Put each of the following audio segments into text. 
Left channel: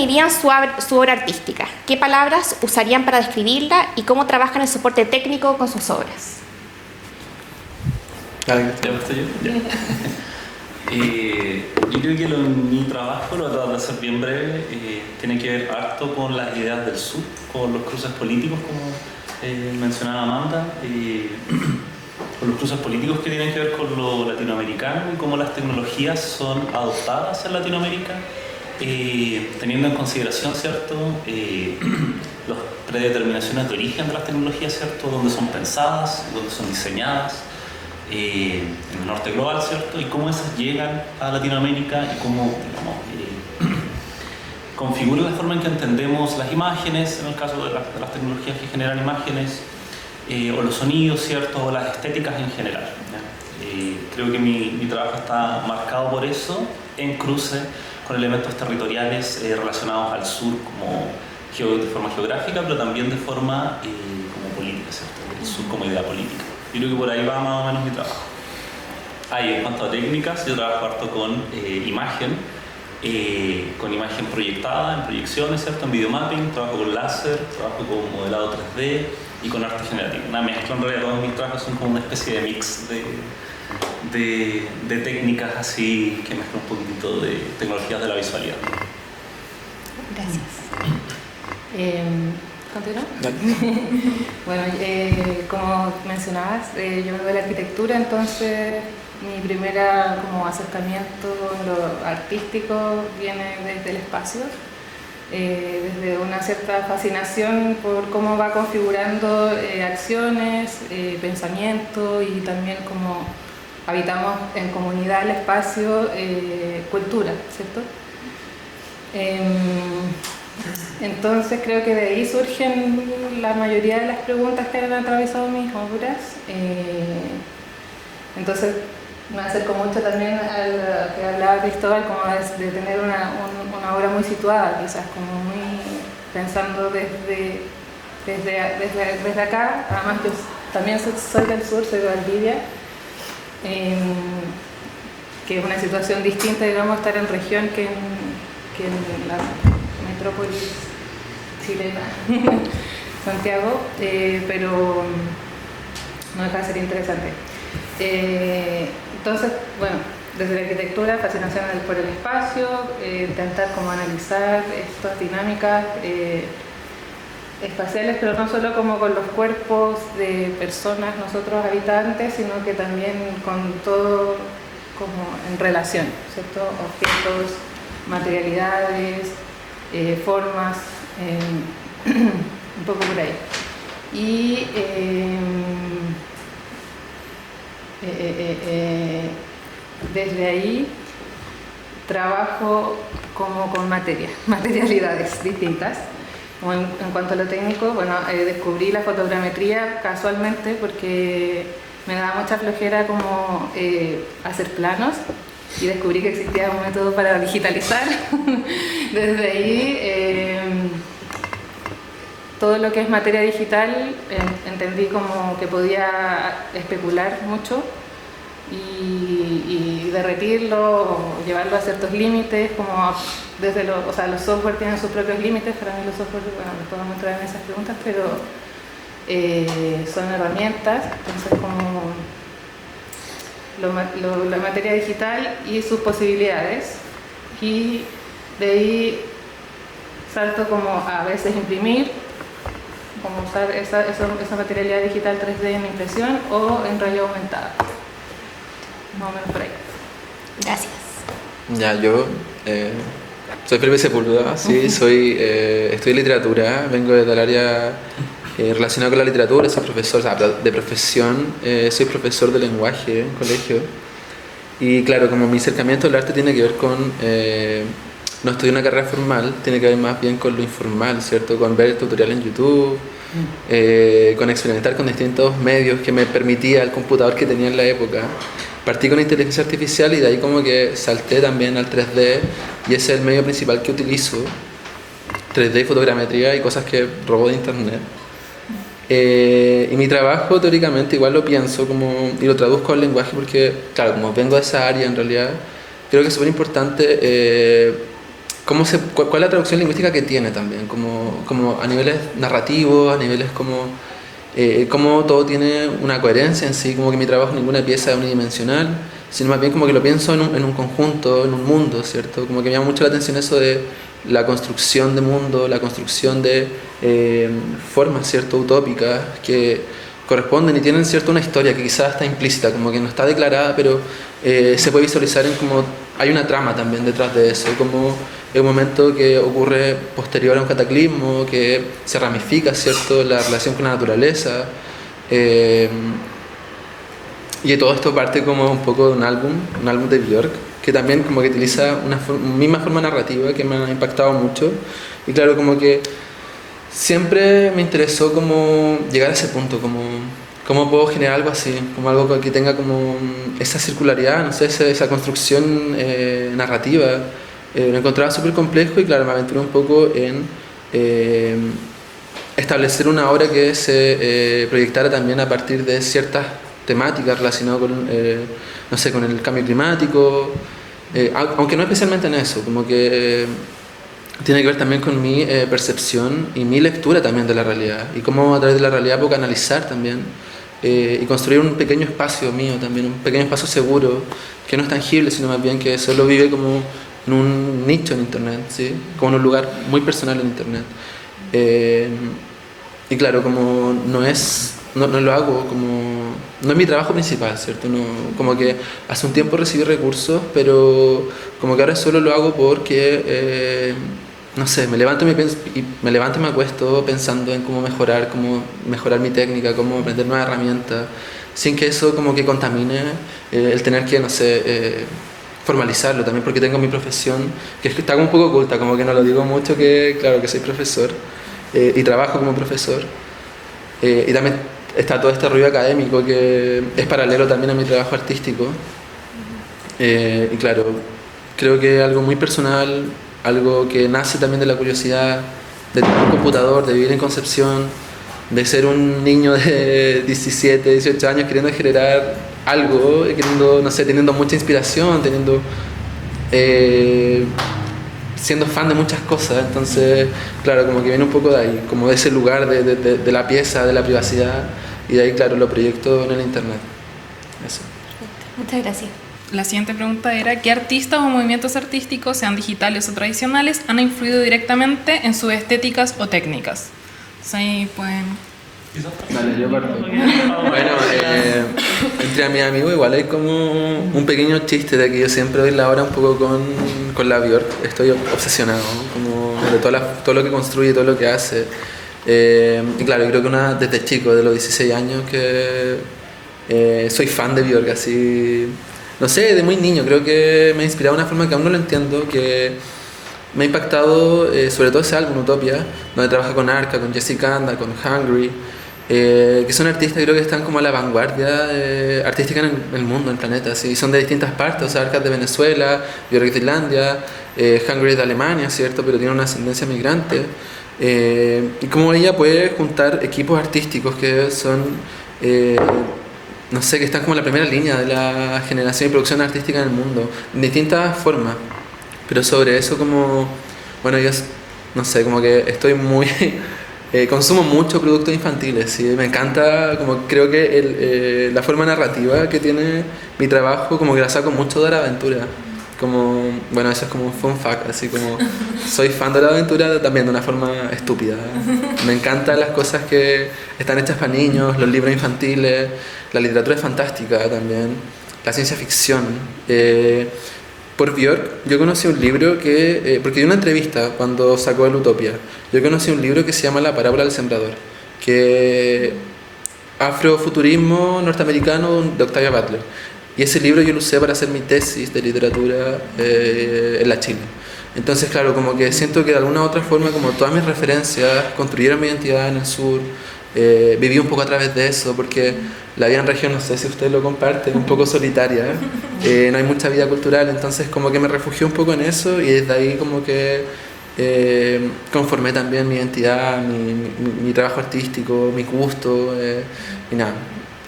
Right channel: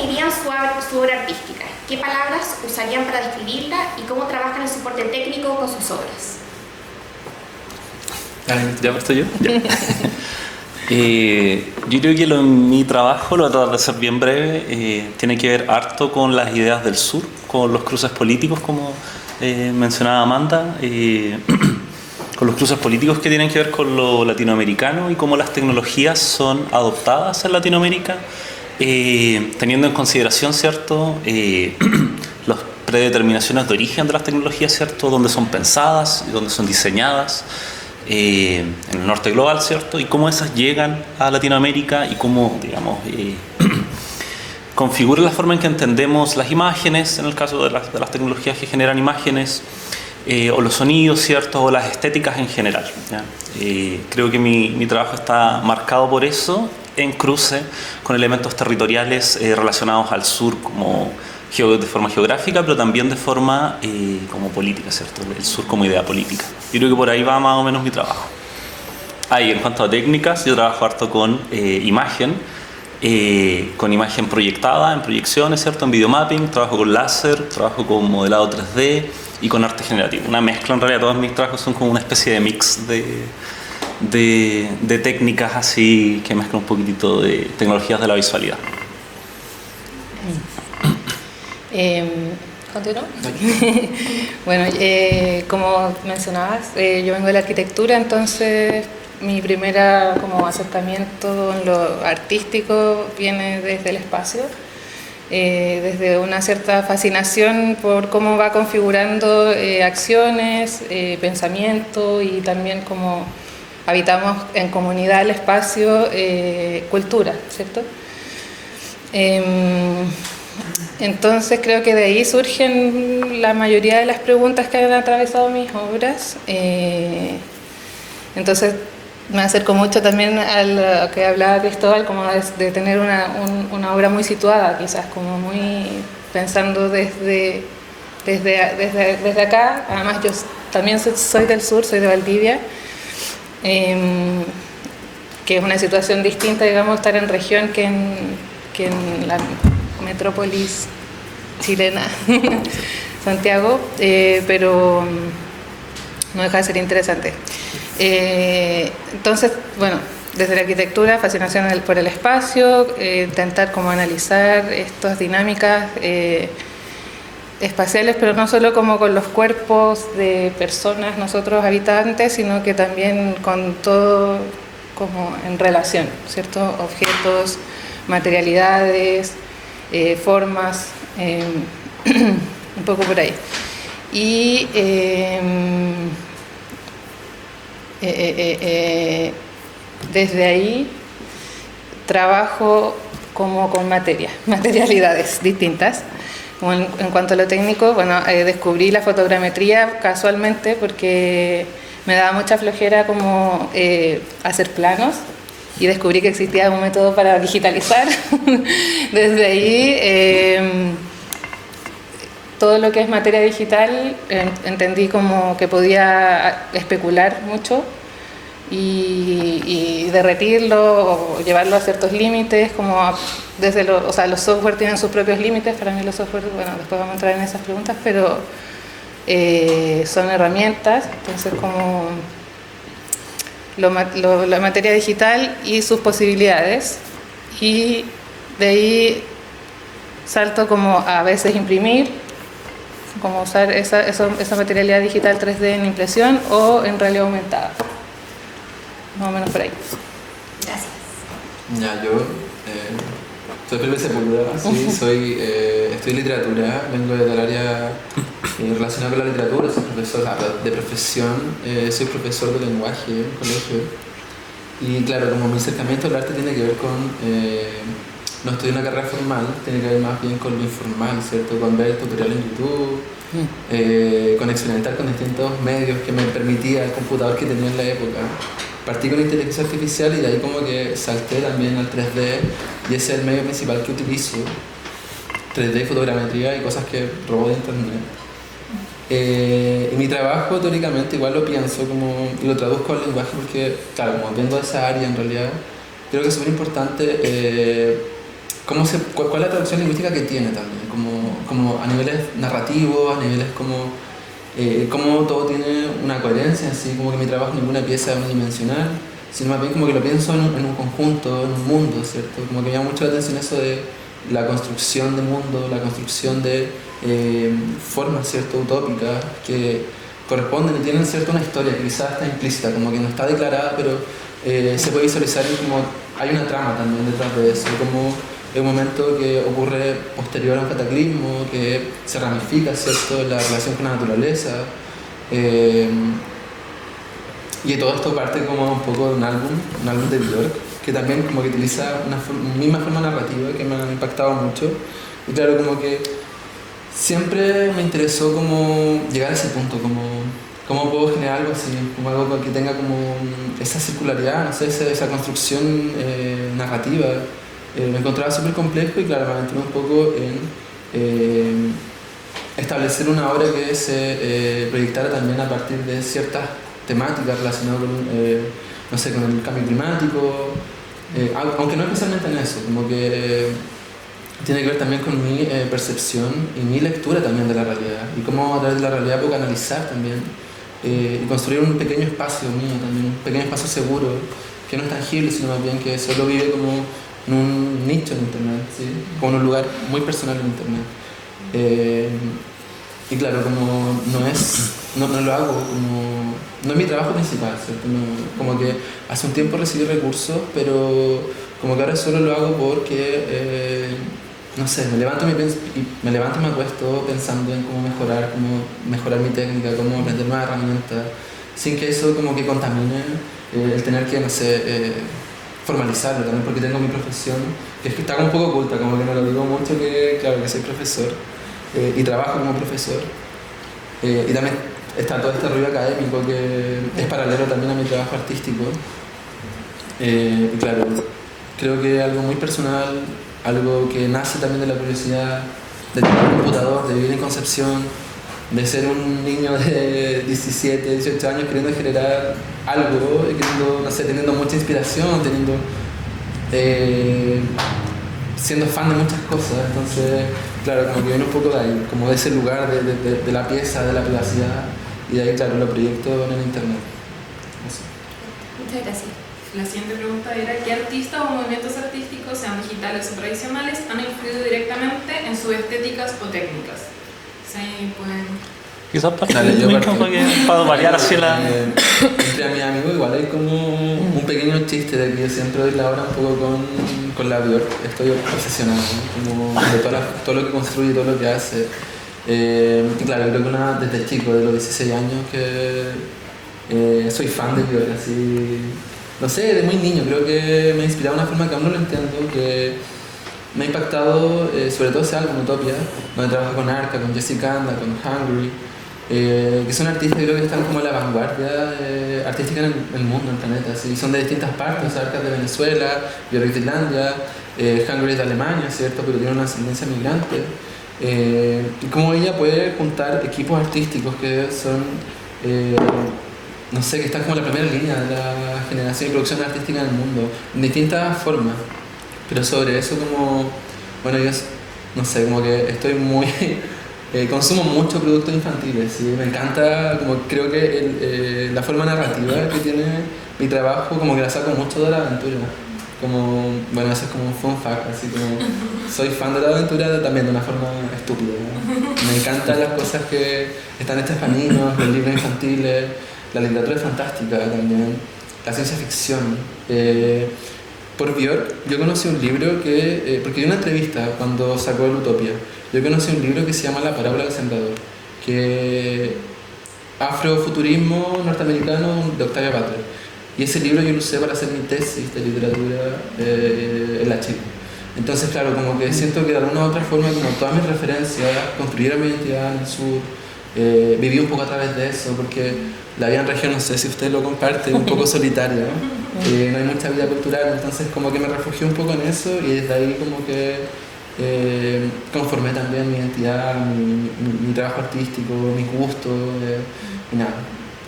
definirían su obra artística? ¿Qué palabras usarían para describirla y cómo trabajan el soporte técnico con sus obras? ¿Ya estoy yo? Ya. Yo creo que mi trabajo, lo voy a tratar de hacer bien breve, tiene que ver harto con las ideas del sur, con los cruces políticos, como mencionaba Amanda, con los cruces políticos que tienen que ver con lo latinoamericano y cómo las tecnologías son adoptadas en Latinoamérica, teniendo en consideración, ¿cierto?, las predeterminaciones de origen de las tecnologías, ¿cierto?, dónde son pensadas y dónde son diseñadas, en el norte global, ¿cierto? Y cómo esas llegan a Latinoamérica y cómo, digamos, configuran la forma en que entendemos las imágenes, en el caso de las tecnologías que generan imágenes, o los sonidos, ¿cierto? O las estéticas en general, ¿ya? Creo que mi trabajo está marcado por eso, en cruce con elementos territoriales relacionados al sur, como de forma geográfica, pero también de forma como política, ¿cierto? El sur como idea política. Yo creo que por ahí va más o menos mi trabajo. En cuanto a técnicas, yo trabajo harto con imagen proyectada, en proyecciones, ¿cierto? En videomapping, trabajo con láser, trabajo con modelado 3D y con arte generativo. Una mezcla, en realidad todos mis trabajos son como una especie de mix de técnicas así que mezclan un poquitito de tecnologías de la visualidad. ¿Continúo? Bueno, como mencionabas, yo vengo de la arquitectura, entonces mi primera como acercamiento en lo artístico viene desde el espacio, desde una cierta fascinación por cómo va configurando acciones, pensamiento y también cómo habitamos en comunidad el espacio, cultura, ¿cierto? Entonces creo que de ahí surgen la mayoría de las preguntas que han atravesado mis obras. Entonces me acerco mucho también a lo que hablaba Cristóbal, como de tener una obra muy situada, quizás como muy pensando desde acá. Además yo también soy del sur, soy de Valdivia, que es una situación distinta, digamos, estar en región que en la metrópolis chilena, Santiago, pero no deja de ser interesante. Entonces, bueno, desde la arquitectura, fascinación por el espacio, intentar como analizar estas dinámicas espaciales, pero no solo como con los cuerpos de personas, nosotros habitantes, sino que también con todo como en relación, ¿cierto? Objetos, materialidades, formas, un poco por ahí. Y desde ahí trabajo como con materialidades distintas. Como en cuanto a lo técnico, bueno, descubrí la fotogrametría casualmente porque me daba mucha flojera como hacer planos. Y descubrí que existía un método para digitalizar. Desde ahí, todo lo que es materia digital, entendí como que podía especular mucho y derretirlo o llevarlo a ciertos límites, como desde los software tienen sus propios límites. Para mí los software, bueno, después vamos a entrar en esas preguntas, pero son herramientas, entonces como la materia digital y sus posibilidades, y de ahí salto como a veces imprimir, como usar esa materialidad digital 3D en impresión o en realidad aumentada, más o menos por ahí. Gracias. Ya, yo soy Felipe Sepúlveda, sí, estudio literatura, vengo del área relacionada con la literatura, soy profesor, o sea, de profesión, soy profesor de lenguaje en colegio. Y claro, como mi acercamiento al arte tiene que ver con, no estudié una carrera formal, tiene que ver más bien con lo informal, ¿cierto? Con ver tutoriales en YouTube, con experimentar con distintos medios que me permitía el computador que tenía en la época. Partí con la inteligencia artificial y de ahí como que salté también al 3D y ese es el medio principal que utilizo, 3D y fotogrametría y cosas que robo de internet. Y mi trabajo teóricamente igual lo pienso como, y lo traduzco al lenguaje porque, claro, como vengo de esa área en realidad, creo que es súper importante cuál es la traducción lingüística que tiene también, como a niveles narrativos, a niveles como cómo todo tiene una coherencia en sí, como que mi trabajo ninguna pieza es unidimensional, sino más bien como que lo pienso en un conjunto, en un mundo, ¿cierto? Como que me llama mucho la atención eso de la construcción de mundo, la construcción de formas, ¿cierto? Utópicas que corresponden y tienen, ¿cierto? Una historia que quizás está implícita, como que no está declarada, pero se puede visualizar en como hay una trama también detrás de eso, como es un momento que ocurre posterior a un cataclismo, que se ramifica, ¿cierto? La relación con la naturaleza. Y todo esto parte como un poco de un álbum de Björk, que también como que utiliza una misma forma narrativa que me ha impactado mucho. Y claro, como que siempre me interesó como llegar a ese punto, como cómo puedo generar algo así, como algo que tenga como esa circularidad, no sé, esa construcción narrativa. Lo encontraba súper complejo y claro, me aventuré un poco en establecer una obra que se proyectara también a partir de ciertas temáticas relacionadas con, no sé, con el cambio climático, aunque no especialmente en eso, como que tiene que ver también con mi percepción y mi lectura también de la realidad y cómo a través de la realidad puedo canalizar también y construir un pequeño espacio mío también, un pequeño espacio seguro que no es tangible, sino más bien que solo vive como en un nicho en internet, ¿sí? Como en un lugar muy personal en internet. Y claro, como no lo hago como... No es mi trabajo principal, ¿cierto? No, como que hace un tiempo recibí recursos, pero como que ahora solo lo hago porque, no sé, me levanto y me acuesto pensando en cómo mejorar mi técnica, cómo aprender nuevas herramientas, sin que eso como que contamine el tener que, no sé, formalizarlo también, porque tengo mi profesión, que está como un poco oculta, como que no lo digo mucho, que claro, que soy profesor y trabajo como profesor. Y también está todo este ruido académico que es paralelo también a mi trabajo artístico. Y claro, creo que es algo muy personal, algo que nace también de la curiosidad de tener un computador, de vivir en Concepción, de ser un niño de 17, 18 años queriendo generar algo, queriendo, no sé, teniendo mucha inspiración, siendo fan de muchas cosas. Entonces, claro, como que viene un poco de ahí, como de ese lugar de la pieza, de la privacidad, y de ahí, claro, lo proyecto en el internet. Eso. Muchas gracias. La siguiente pregunta era: ¿qué artistas o movimientos artísticos, sean digitales o tradicionales, han influido directamente en sus estéticas o técnicas? Sí, pueden... Quizás Dale, yo para variar así la... Entre mis amigos igual hay como un pequeño chiste de que yo siempre doy la hora un poco con la Björk. Estoy obsesionado como de todo lo que construye, todo lo que hace. Y claro, yo creo que desde chico, de los 16 años, que soy fan de Björk, así... No sé, de muy niño, creo que me ha inspirado de una forma que aún no lo entiendo, que me ha impactado, sobre todo ese álbum, Utopia, donde trabaja con Arca, con Jessica Anda, con Hungry, que son artistas que creo que están como a la vanguardia artística en el mundo, en el planeta, ¿sí? Son de distintas partes, o sea, Arca es de Venezuela, Björk de Islandia, Hungry es de Alemania, ¿cierto? Pero tiene una ascendencia migrante. Y como ella puede juntar equipos artísticos que son... no sé, que están como en la primera línea de la generación y producción artística en el mundo, en distintas formas. Pero sobre eso como, bueno, yo no sé, como que estoy muy... consumo muchos productos infantiles, ¿sí? Me encanta, como creo que la forma narrativa que tiene mi trabajo, como que la saco mucho de la aventura. Como, bueno, eso es como un fun fact, así como soy fan de la aventura también de una forma estúpida. Me encantan las cosas que están hechas para niños, los libros infantiles, la literatura es fantástica también, la ciencia ficción. Por Björk, yo conocí un libro que, porque di una entrevista cuando sacó el Utopia, yo conocí un libro que se llama La parábola del sembrador, que afrofuturismo norteamericano de Octavia Butler. Y ese libro yo lo usé para hacer mi tesis de literatura en la Chile. Entonces, claro, como que siento que de alguna u otra forma, como todas mis referencias construyeron mi identidad en el sur, viví un poco a través de eso, porque la vida en región, no sé si ustedes lo comparten, es un poco solitaria, no hay mucha vida cultural, entonces como que me refugié un poco en eso y desde ahí como que conformé también mi identidad, mi trabajo artístico, mis gustos y nada.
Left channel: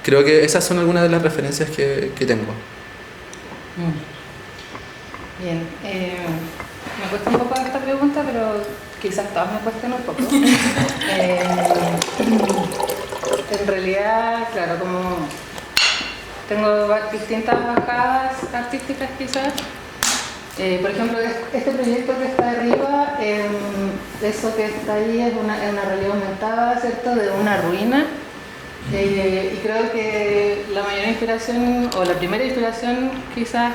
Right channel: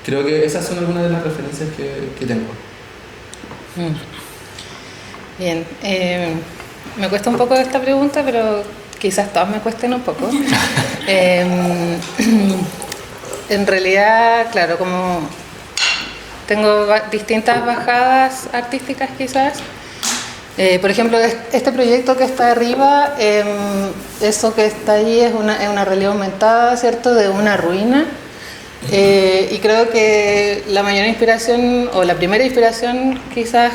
Creo que esas son algunas de las referencias que tengo. Bien. Me cuesta un poco esta pregunta, pero quizás todas me cuesten un poco. En realidad, claro, como tengo distintas bajadas artísticas quizás. Por ejemplo, este proyecto que está arriba, eso que está ahí es una realidad aumentada, ¿cierto?, de una ruina. Y creo que la mayor inspiración, o la primera inspiración quizás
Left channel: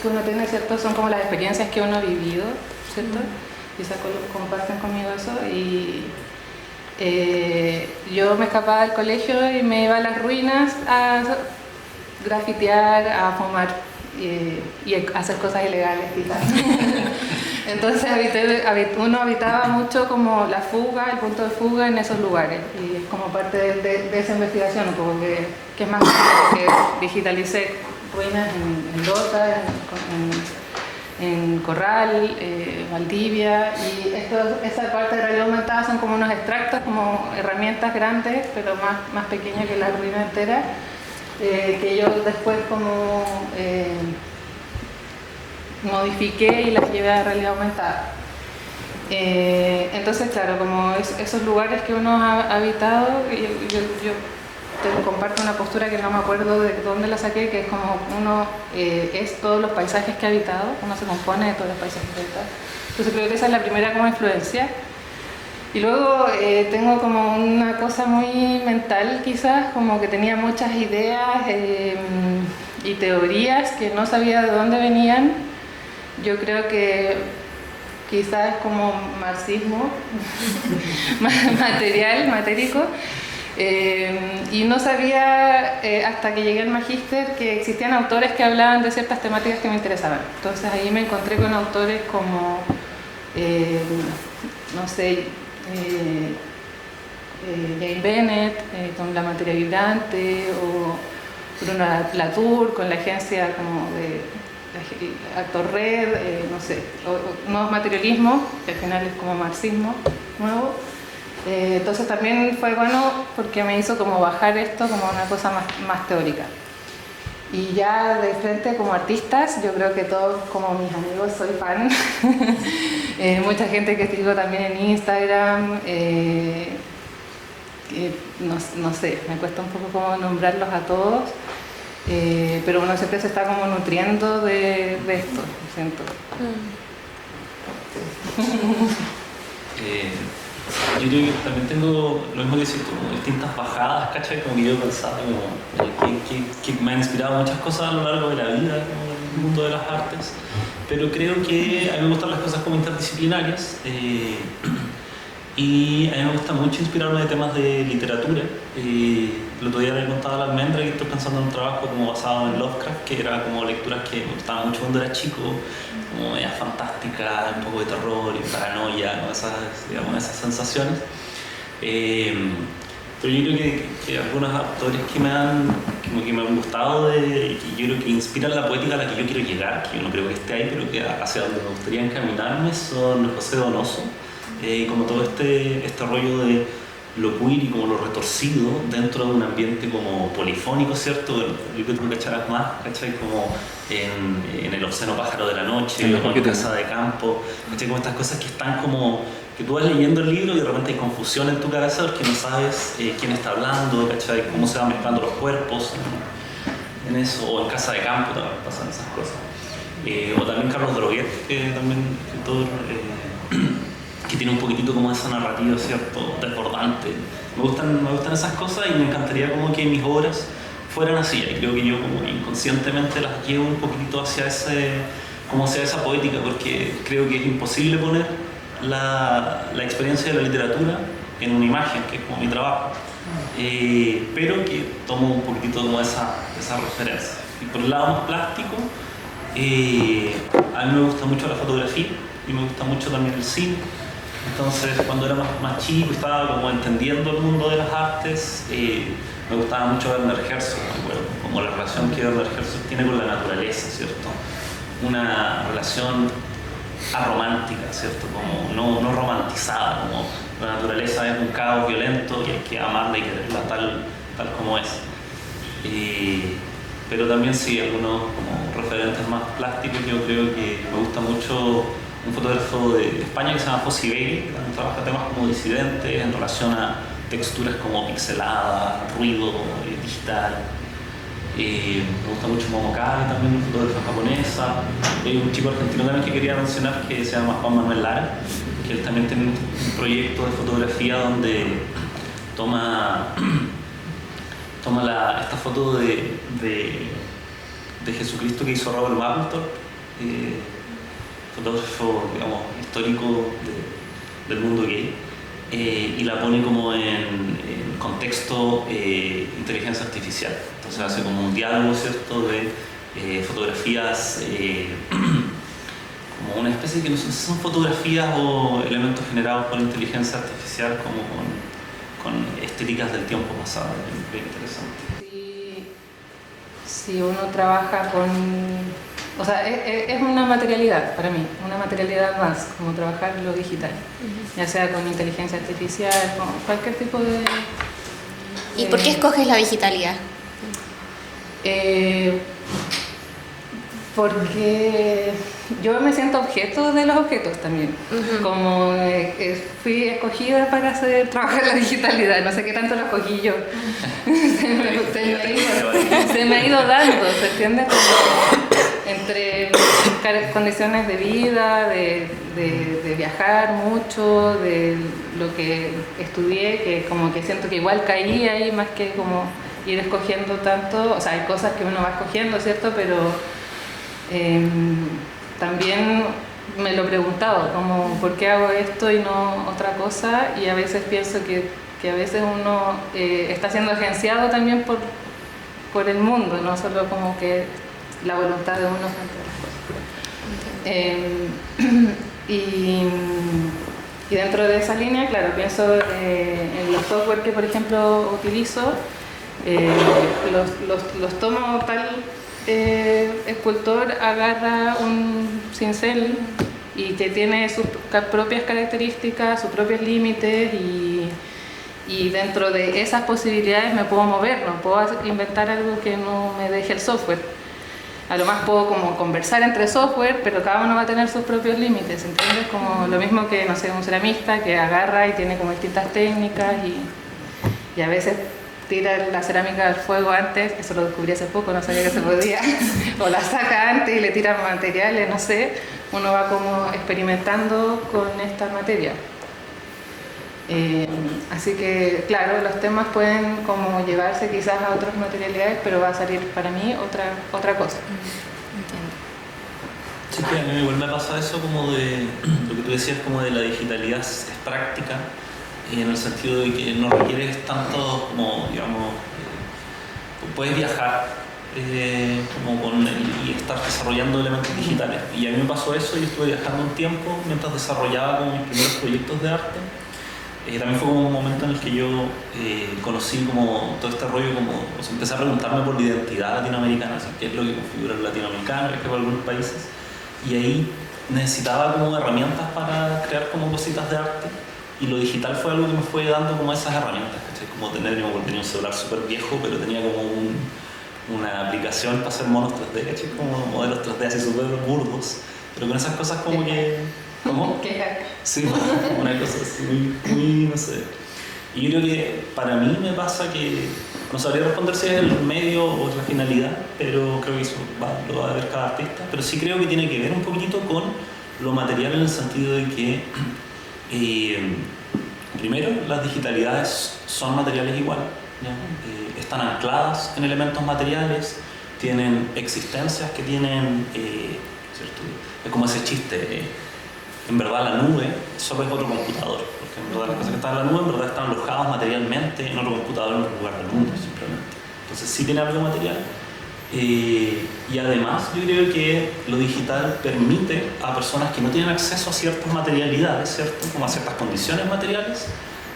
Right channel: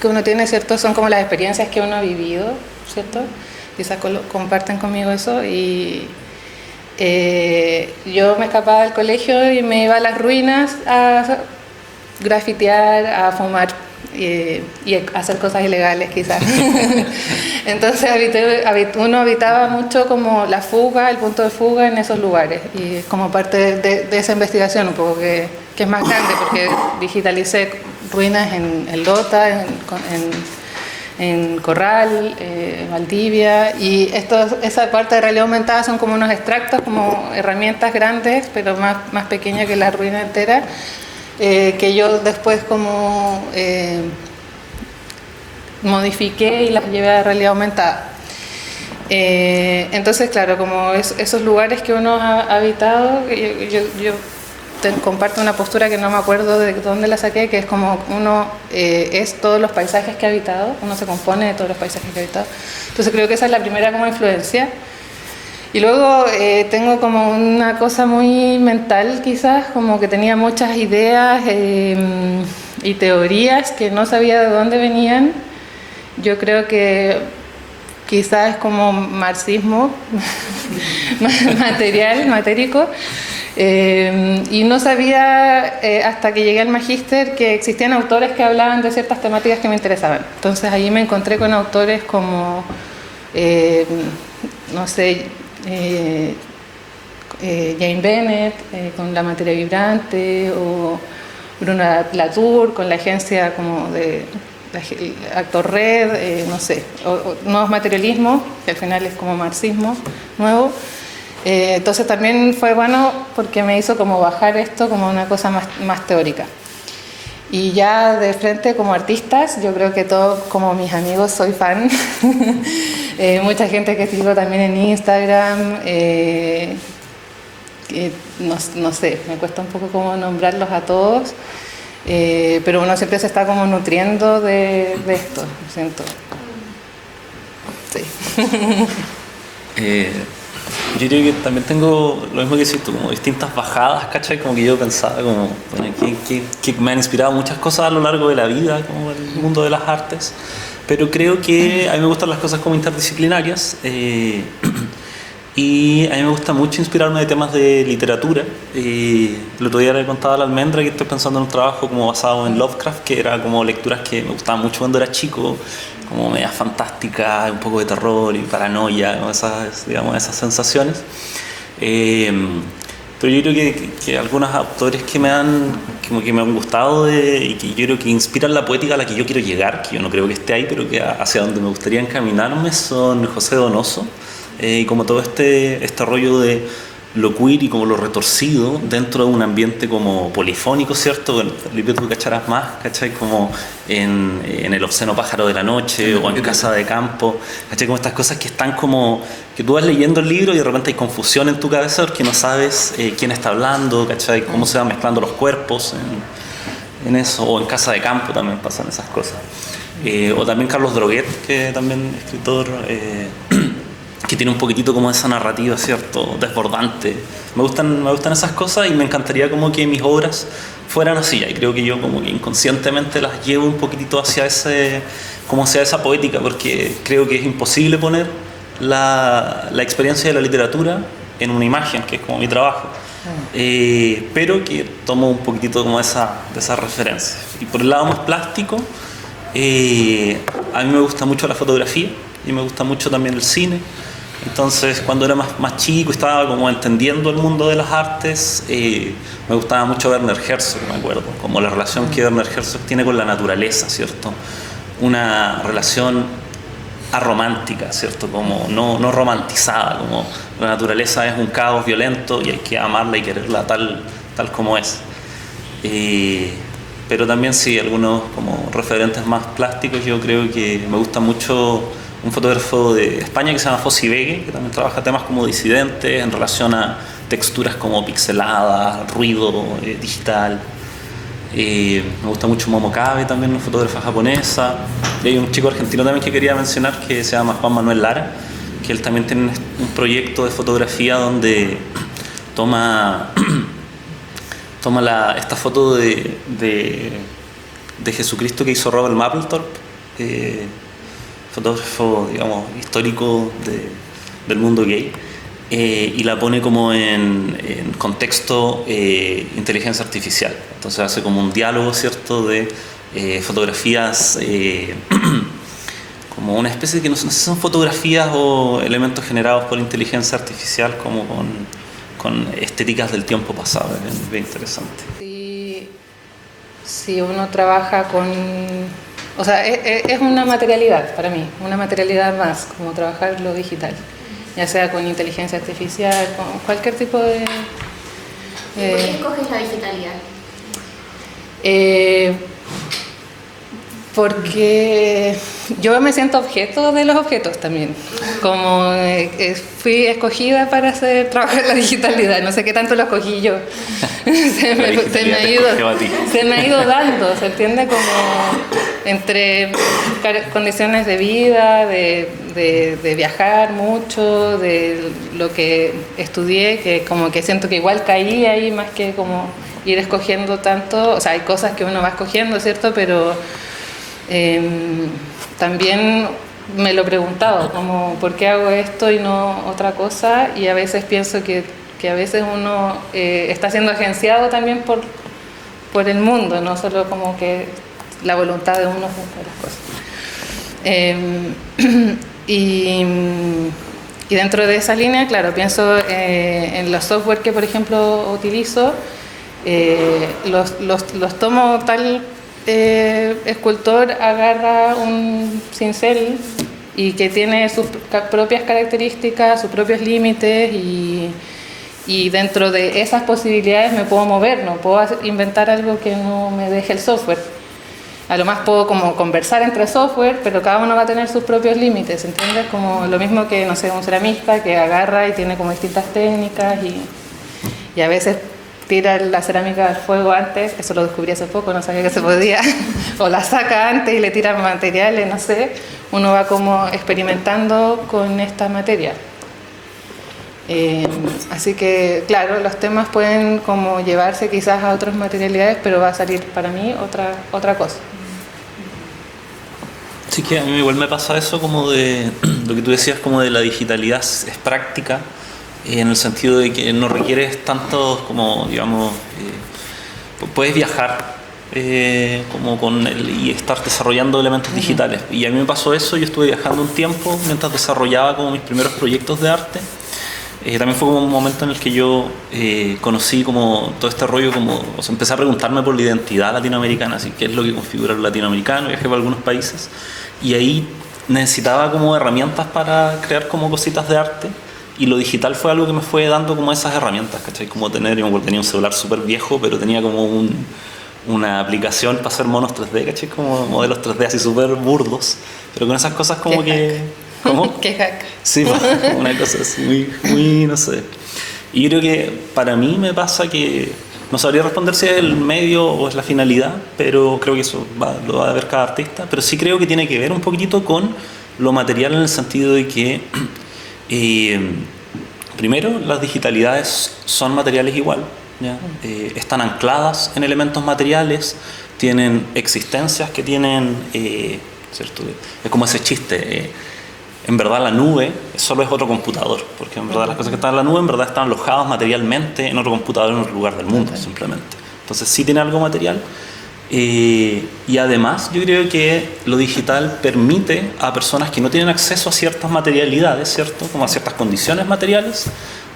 que uno tiene, ¿cierto?, son como las experiencias que uno ha vivido, ¿cierto? Quizás comparten conmigo eso. Y yo me escapaba del colegio y me iba a las ruinas a grafitear, a fumar y hacer cosas ilegales quizás. Entonces uno habitaba mucho como la fuga, el punto de fuga en esos lugares, y como parte de esa investigación un poco que es más grande, porque digitalicé ruinas en Lota, en Corral, Valdivia, y esa parte de realidad aumentada son como unos extractos, como herramientas grandes, pero más pequeñas que la ruina entera, que yo después como modifiqué y las llevé a realidad aumentada. Entonces, claro, como esos lugares que uno ha habitado, yo comparto una postura que no me acuerdo de dónde la saqué, que es como uno es todos los paisajes que ha habitado, uno se compone de todos los paisajes que ha habitado. Entonces creo que esa es la primera como influencia. Y luego tengo como una cosa muy mental quizás, como que tenía muchas ideas y teorías que no sabía de dónde venían. Yo creo que quizás es como marxismo matérico. Y no sabía hasta que llegué al magíster que existían autores que hablaban de ciertas temáticas que me interesaban. Entonces ahí me encontré con autores como, no sé, Jane Bennett con La materia vibrante, o Bruno Latour con la agencia como de Actor Red, no sé, o nuevos materialismos, que al final es como marxismo nuevo. Entonces también fue bueno porque me hizo como bajar esto como una cosa más teórica. Y ya de frente como artistas, yo creo que todos como mis amigos soy fan. Mucha gente que sigo también en Instagram, no sé, me cuesta un poco como nombrarlos a todos, pero uno siempre se está como nutriendo de esto, siento. Sí. Yo creo que también tengo lo mismo que decís tú, como distintas bajadas, ¿cachai? Como que yo pensaba, como que me han inspirado muchas cosas a lo largo de la vida, como el mundo de las artes, pero creo que a mí me gustan las cosas como interdisciplinarias, y a mí me gusta mucho inspirarme de temas de literatura. El otro día le contaba a la Almendra que estoy pensando en un trabajo como basado en Lovecraft, que era como lecturas que me gustaban mucho cuando era chico, como medias fantásticas, un poco de terror y paranoia, ¿no? Esas sensaciones. Pero yo creo que algunos autores que me han gustado y que yo creo que inspiran la poética a la que yo quiero llegar, que yo no creo que esté ahí, pero que hacia donde me gustaría encaminarme, son José Donoso, y como todo este rollo de lo queer y como lo retorcido dentro de un ambiente como polifónico, ¿cierto? Bueno, Felipe, tú cacharás más, ¿cachai? Como en El obsceno pájaro de la noche, sí, o en Casa de Campo, ¿cachai? Como estas cosas que están como que tú vas leyendo el libro y de repente hay confusión en tu cabeza porque no sabes quién está hablando, ¿cachai? Cómo se van mezclando los cuerpos en eso, o en Casa de Campo también pasan esas cosas. O también Carlos Droguet, que también escritor que tiene un poquitito como esa narrativa, ¿cierto? Desbordante. Me gustan esas cosas y me encantaría como que mis obras fueran así. Y creo que yo como que inconscientemente las llevo un poquitito hacia esa poética, porque creo que es imposible poner la experiencia de la literatura en una imagen, que es como mi trabajo. Pero que tomo un poquitito como de esa referencia. Y por el lado más plástico, a mí me gusta mucho la fotografía y me gusta mucho también el cine. Entonces, cuando era más chico y estaba como entendiendo el mundo de las artes, me gustaba mucho Werner Herzog, me acuerdo, como la relación que Werner Herzog tiene con la naturaleza, ¿cierto? Una relación aromántica, ¿cierto? Como no romantizada, como la naturaleza es un caos violento y hay que amarla y quererla tal como es. Pero también sí, algunos como referentes más plásticos, yo creo que me gusta mucho un fotógrafo de España que se llama Fossi Vegue, que también trabaja temas como disidentes en relación a texturas como pixeladas, ruido digital. Me gusta mucho Momo Kabe, también una fotógrafa japonesa. Y hay un chico argentino también que quería mencionar que se llama Juan Manuel Lara, que él también tiene un proyecto de fotografía donde toma esta foto de Jesucristo que hizo Robert Mapplethorpe, fotógrafo, digamos, histórico del mundo gay, y la pone como en contexto inteligencia artificial. Entonces hace como un diálogo, ¿cierto?, de fotografías, como una especie de que no sé si son fotografías o elementos generados por inteligencia artificial, como con estéticas del tiempo pasado. Es bien interesante. Si uno trabaja con... O sea, es una materialidad para mí, una materialidad más, como trabajar lo digital, ya sea con inteligencia artificial, con cualquier tipo de... ¿Y por qué escoges la digitalidad? Porque yo me siento objeto de los objetos también, como fui escogida para trabajar en la digitalidad, no sé qué tanto lo escogí yo, se me ha ido dando, ¿se entiende? Como entre condiciones de vida, de viajar mucho, de lo que estudié, que como que siento que igual caí ahí más que como ir escogiendo tanto, o sea, hay cosas que uno va escogiendo, ¿cierto? Pero también me lo he preguntado, como ¿por qué hago esto y no otra cosa? Y a veces pienso que a veces uno está siendo agenciado también por el mundo, no solo como que la voluntad de uno hacer las cosas. Y dentro de esa línea, claro, pienso en los software que, por ejemplo, utilizo, los tomo tal... escultor agarra un cincel y que tiene sus propias características, sus propios límites y dentro de esas posibilidades me puedo mover, no puedo inventar algo que no me deje el software. A lo más puedo como conversar entre software, pero cada uno va a tener sus propios límites, ¿entiendes? Como lo mismo que, no sé, un ceramista que agarra y tiene como distintas técnicas y a veces tira la cerámica al fuego antes, que eso lo descubrí hace poco, no sabía que se podía, o la saca antes y le tira materiales, no sé, uno va como experimentando con esta materia. Así que, claro, los temas pueden como llevarse quizás a otras materialidades, pero va a salir para mí otra cosa. Sí, que a mí igual me pasa eso como de lo que tú decías, como de la digitalidad es práctica, en el sentido de que no requieres tanto como, digamos, puedes viajar como y estar desarrollando elementos digitales. Y a mí me pasó eso, yo estuve viajando un tiempo mientras desarrollaba como mis primeros proyectos de arte. También fue como un momento en el que yo conocí como todo este rollo, como, o sea, empecé a preguntarme por la identidad latinoamericana, así qué es lo que configura lo latinoamericano, viajé por algunos países y ahí necesitaba como herramientas para crear como cositas de arte. Y lo digital fue algo que me fue dando como esas herramientas, ¿cachai? Como tenía un celular súper viejo, pero tenía como una aplicación para hacer monos 3D, ¿cachai? Como modelos 3D así súper burdos, pero con esas cosas como que... ¿Cómo? ¿Qué hack? Sí, una cosa así, muy, no sé. Y yo creo que para mí me pasa que no sabría responder si es el medio o es la finalidad, pero creo que eso lo va a ver cada artista, pero sí creo que tiene que ver un poquitito con lo material en el sentido de que primero, las digitalidades son materiales igual, ¿ya? Están ancladas en elementos materiales, tienen existencias que tienen, ¿cierto? Es como ese chiste, en verdad la nube solo es otro computador, porque en verdad las cosas que están en la nube en verdad están alojadas materialmente en otro computador en otro lugar del mundo, simplemente. Entonces sí tiene algo material. Y además yo creo que lo digital permite a personas que no tienen acceso a ciertas materialidades, ¿cierto? Como a ciertas condiciones materiales,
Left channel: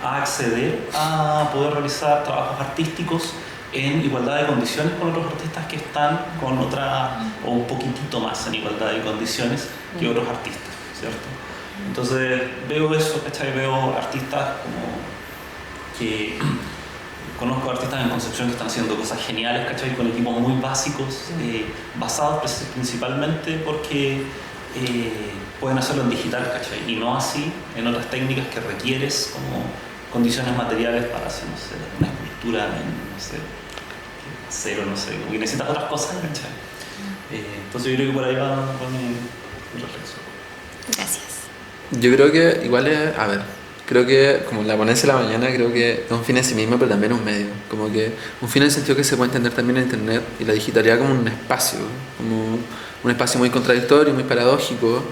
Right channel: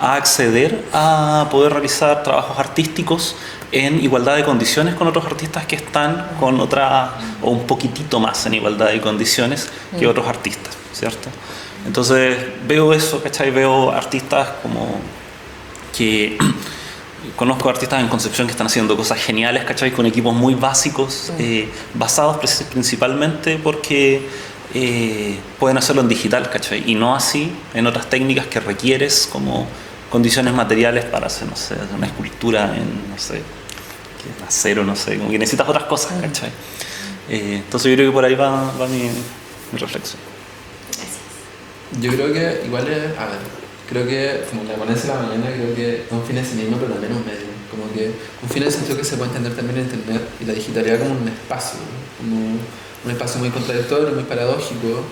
a acceder a poder realizar trabajos artísticos en igualdad de condiciones con otros artistas que están con otra, o un poquitito más en igualdad de condiciones que otros artistas, ¿cierto? Entonces veo eso, ¿cachai? Veo artistas como que... Conozco artistas en Concepción que están haciendo cosas geniales, ¿cachai? Con equipos muy básicos, basados principalmente porque pueden hacerlo en digital, ¿cachai? Y no así en otras técnicas que requieres como condiciones materiales para hacer, no sé, una escultura en, no sé, acero, no sé, como que necesitas otras cosas, ¿cachai? Entonces yo creo que por ahí va mi reflexión. Gracias. Yo creo que igual es, a ver, creo que como la ponencia de la mañana, creo que es un fin en sí mismo, pero también un medio. Como que un fin en el sentido que se puede entender también en Internet y la digitalidad como un espacio, como un espacio muy contradictorio, muy paradójico,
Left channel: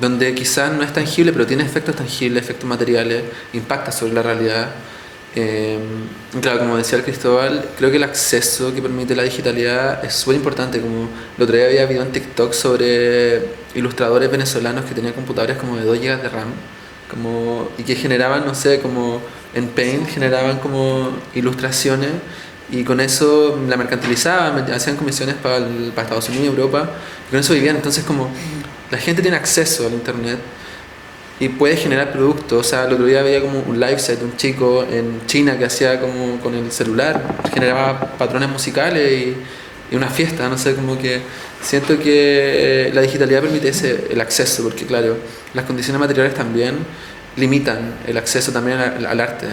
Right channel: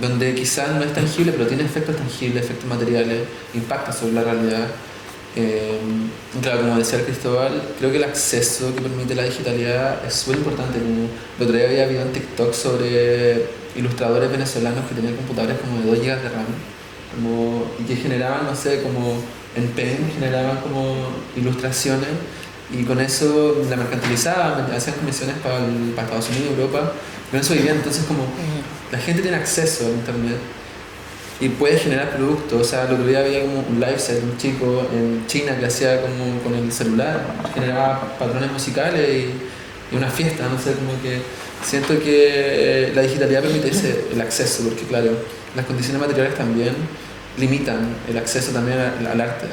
donde quizás no es tangible, pero tiene efectos tangibles, efectos materiales, impacta sobre la realidad. Claro, como decía el Cristóbal, creo que el acceso que permite la digitalidad es súper importante. Como el otro día había habido en TikTok sobre ilustradores venezolanos que tenían computadores como de 2 GB de RAM y que generaban, no sé, como en Paint generaban como ilustraciones y con eso la mercantilizaban, hacían comisiones para Estados Unidos y Europa, y con eso vivían. Entonces como la gente tiene acceso al Internet y puede generar productos. O sea, el otro día había como un lifestyle de un chico en China que hacía como con el celular, generaba patrones musicales y una fiesta, no sé, como que siento que la digitalidad permite el acceso, porque claro, las condiciones materiales también limitan el acceso también al arte,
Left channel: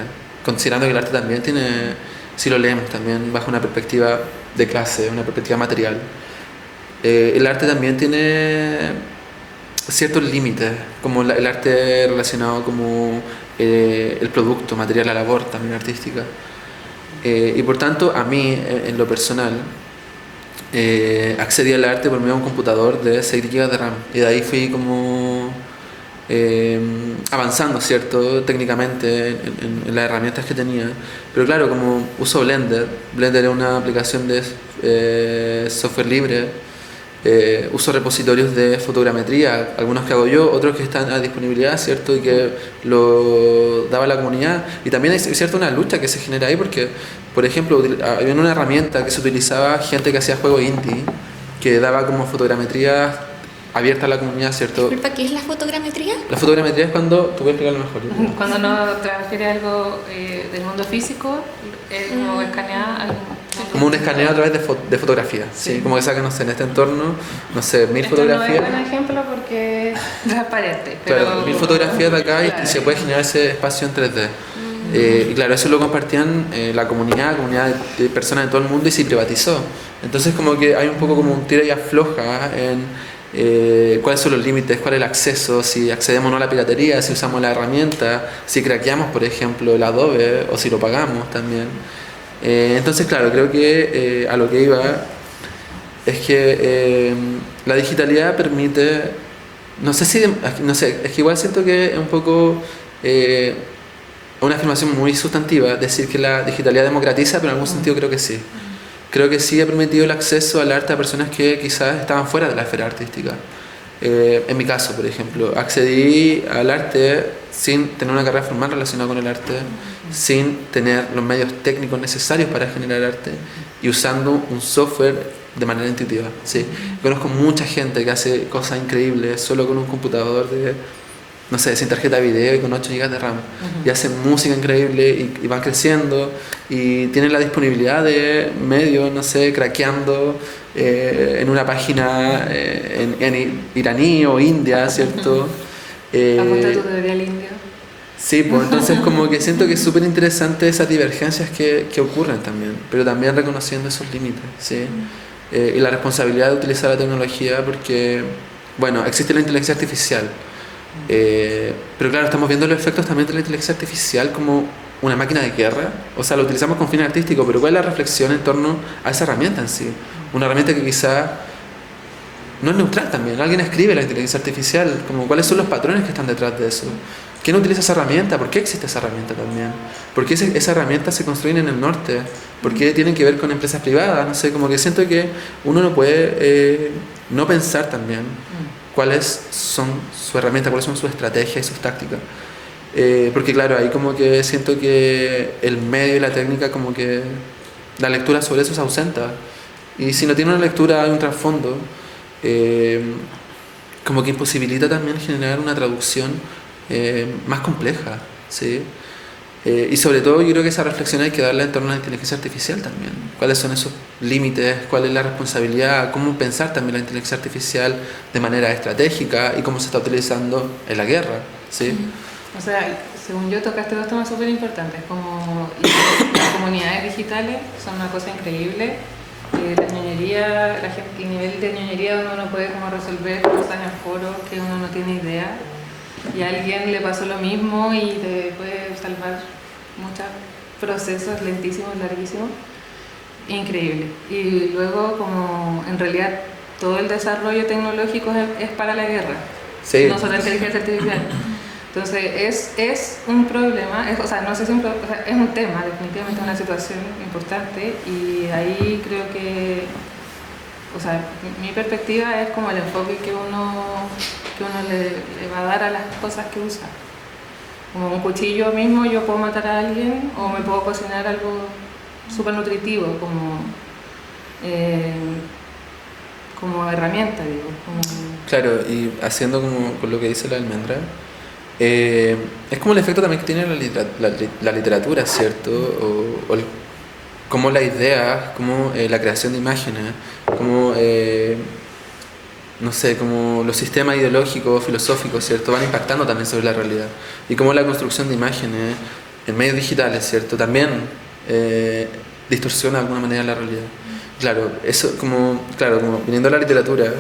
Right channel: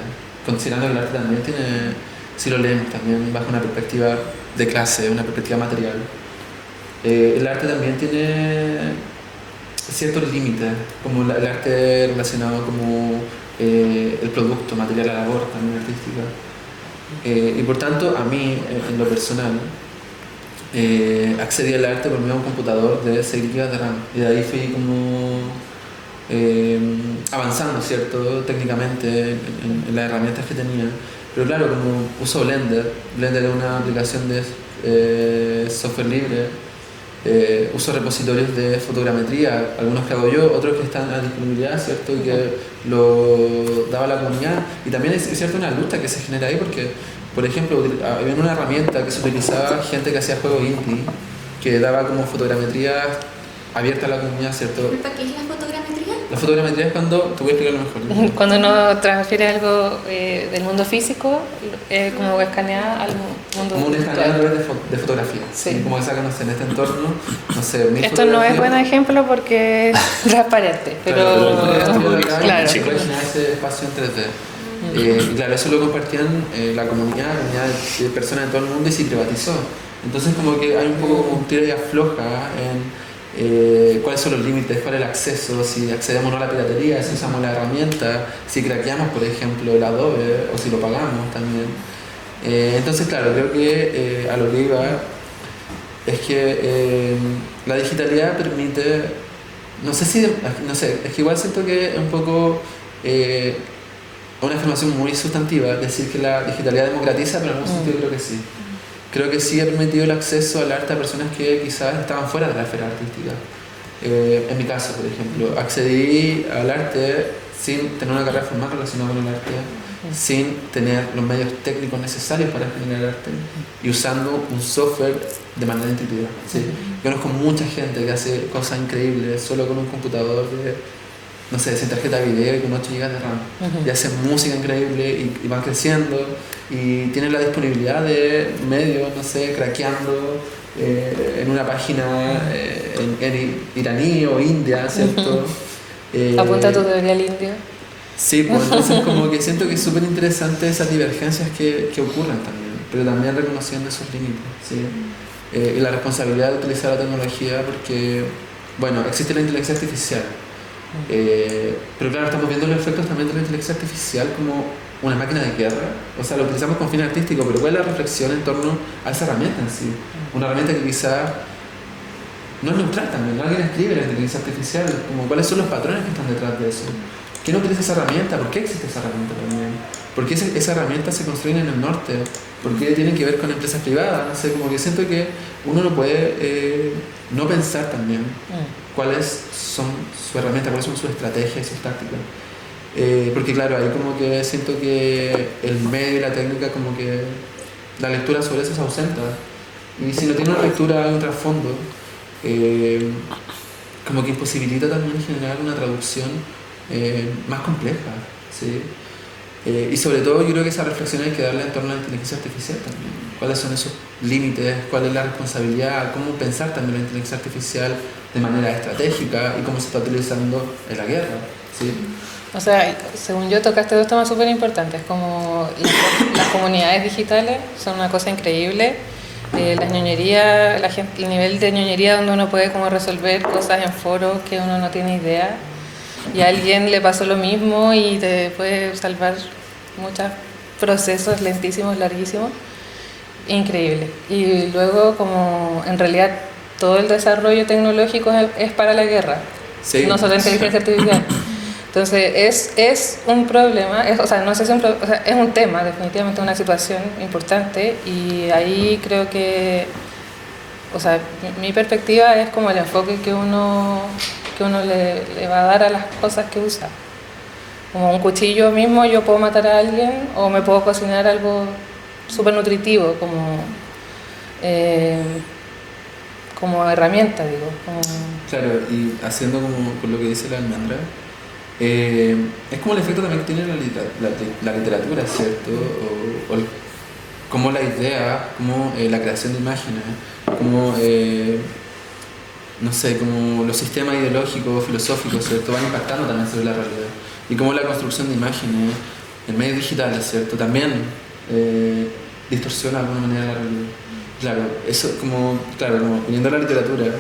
considerando que el arte también tiene, si lo leemos también bajo una perspectiva de clase, una perspectiva material, el arte también tiene ciertos límites, como el arte relacionado como el producto material, la labor también artística. Y por tanto, a mí, en lo personal, accedí al arte por medio de un computador de 6 GB de RAM. Y de ahí fui como avanzando, ¿cierto? Técnicamente en las herramientas que tenía. Pero claro, como uso Blender, Blender es una aplicación de software libre. Uso repositorios de fotogrametría, algunos que hago yo, otros que están a disponibilidad, ¿cierto? Y que lo daba la comunidad. Y también es cierto una lucha que se genera ahí porque, por ejemplo, había una herramienta que se utilizaba gente que hacía juegos indie, que daba como fotogrametría abierta a la comunidad, ¿cierto? Disculpa, ¿qué es la fotogrametría? La fotogrametría es cuando, tú voy a explicarlo mejor. Cuando uno transfiere algo del mundo físico, como escanear al mundo. Como un escaneo a través de fotografía, sí. Como que saca, no sé, en este entorno, no sé, 1000 Esto no es fotografías. buen ejemplo porque es transparente. Pero Claro, 1000 fotografías de acá claro. y se puede generar ese espacio en 3D. Y claro, eso lo compartían la comunidad de personas de todo el mundo y se privatizó. Entonces como que hay un poco como un tira y afloja en cuáles son los límites, cuál es el acceso, si accedemos o no a la piratería, si usamos la herramienta, si craqueamos por ejemplo el Adobe o si lo pagamos también. Entonces claro, creo que a lo que iba es que la digitalidad permite, no sé, es que igual siento que es un poco una afirmación muy sustantiva decir que la digitalidad democratiza, pero en algún sentido creo que sí. Creo que sí ha permitido el acceso al arte a personas que quizás estaban fuera de la esfera artística. En mi caso, por ejemplo, accedí al arte sin tener una carrera formal relacionada con el arte, sin tener los medios técnicos necesarios para generar arte y usando un software de manera intuitiva. ¿Sí? Conozco mucha gente que hace cosas increíbles solo con un computador no sé, sin tarjeta de video y con 8 GB de RAM. Y hacen música increíble y van creciendo y tienen la disponibilidad de medios, no sé, craqueando en una página en iraní o india, ¿cierto? Apunta a tutorial indio. Sí, pues entonces como que siento que es súper interesante esas divergencias que ocurren también, pero también reconociendo esos límites, ¿sí? Y la responsabilidad de utilizar la tecnología porque, bueno, existe la inteligencia artificial. Pero claro, estamos viendo los efectos también de la inteligencia artificial como una máquina de guerra. O sea, lo utilizamos con fines artísticos, pero ¿cuál es la reflexión en torno a esa herramienta en sí? Una herramienta que quizá no es neutral también. Alguien escribe la inteligencia artificial, como cuáles son los patrones que están detrás de eso. ¿Quién utiliza esa herramienta? ¿Por qué existe esa herramienta también? ¿Por qué esa herramienta se construye en el norte? ¿Por qué tienen que ver con empresas privadas? No sé, como que siento que uno no puede no pensar también cuáles son sus herramientas, cuáles son sus estrategias y sus tácticas. Porque claro, ahí como que siento que el medio y la técnica, como que la lectura sobre eso se ausenta. Y si no tiene una lectura, hay un trasfondo, como que imposibilita también generar una traducción más compleja, ¿sí? Y sobre todo yo creo que esa reflexión hay que darla en torno a la inteligencia artificial también. ¿Cuáles son esos límites, cuál es la responsabilidad, cómo pensar también la inteligencia artificial de manera estratégica y cómo se está utilizando en la guerra, ¿sí? O sea, según yo tocaste dos temas súper importantes, como las comunidades digitales son una cosa increíble, la ñoñería, la gente, el nivel de ñoñería donde uno puede como resolver cosas en foros que uno no tiene idea y a alguien le pasó lo mismo y te puede salvar muchos procesos lentísimos, larguísimos, increíble. Y luego como en realidad todo el desarrollo tecnológico es para la guerra, Sí, no solo inteligencia artificial. Entonces es un problema, o sea, no sé si o sea, es un tema, definitivamente una situación importante y ahí creo que, o sea, mi perspectiva es como el enfoque que uno le va a dar a las cosas que usa. Como un cuchillo mismo yo puedo matar a alguien o me puedo cocinar algo súper nutritivo como herramienta, digo. claro, y haciendo como con lo que dice la almendra, es como el efecto también que tiene la literatura, ¿cierto? Como la idea, como la creación de imágenes, como, no sé, como los sistemas ideológicos, filosóficos, ¿cierto? Van impactando también sobre la realidad. Y como la construcción de imágenes en medios digitales, ¿cierto? También distorsiona de alguna manera la realidad. Claro, eso como viniendo a la literatura,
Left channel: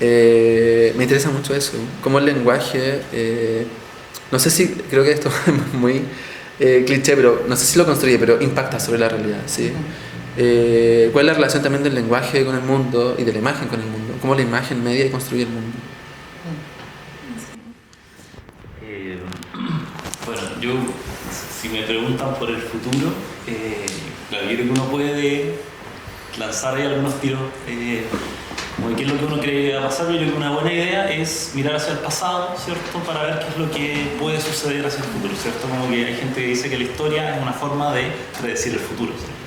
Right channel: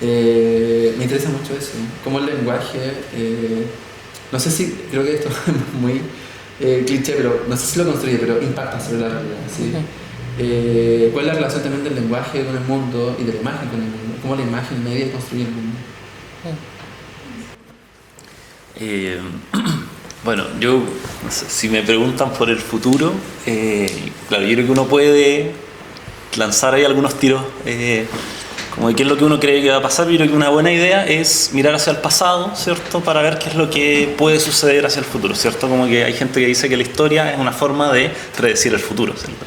me interesa mucho eso, como el lenguaje, no sé si, creo que esto es muy cliché, pero no sé si lo construye, pero impacta sobre la realidad, ¿sí? ¿Cuál es la relación también del lenguaje con el mundo y de la imagen con el mundo? ¿Cómo la imagen media y construye el mundo? Bueno, yo, si me preguntan por el futuro, claro, yo creo que uno puede lanzar ahí algunos tiros como de qué es lo que uno cree que va a pasar. Yo creo que una buena idea es mirar hacia el pasado, ¿cierto? Para ver qué es lo que puede suceder hacia el futuro, ¿cierto? Como que hay gente que dice que la historia es una forma de predecir el futuro, ¿cierto?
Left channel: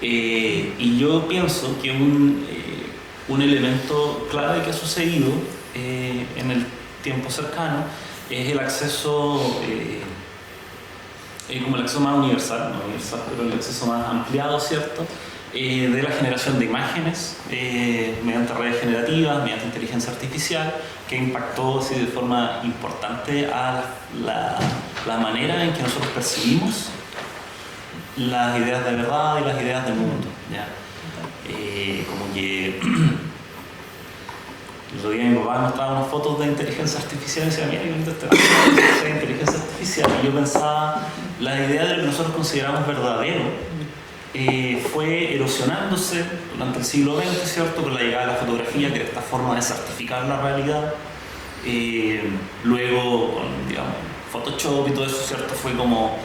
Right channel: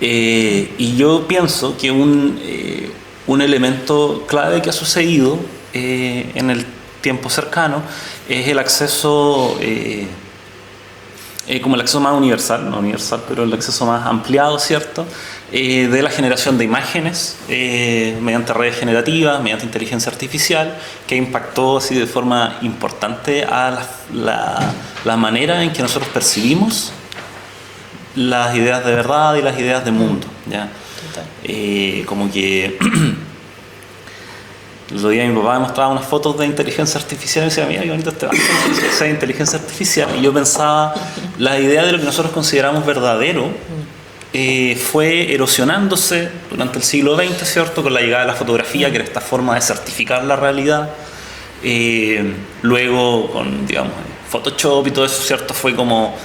Y yo pienso que un elemento clave que ha sucedido en el tiempo cercano es el acceso, como el acceso más universal, no universal, pero el acceso más ampliado, ¿cierto? De la generación de imágenes mediante redes generativas, mediante inteligencia artificial, que impactó así de forma importante a la manera en que nosotros percibimos las ideas de verdad y las ideas de mundo, ¿ya? Como que el otro día mi papá me mostraba unas fotos de inteligencia artificial y decía, mira qué bonito este banco de inteligencia artificial, y yo pensaba, la idea de lo que nosotros consideramos verdadero fue erosionándose durante el siglo XX, ¿cierto? Con la llegada de la fotografía, que era esta forma de certificar la realidad. Luego con, digamos, Photoshop y todo eso, ¿cierto? Fue como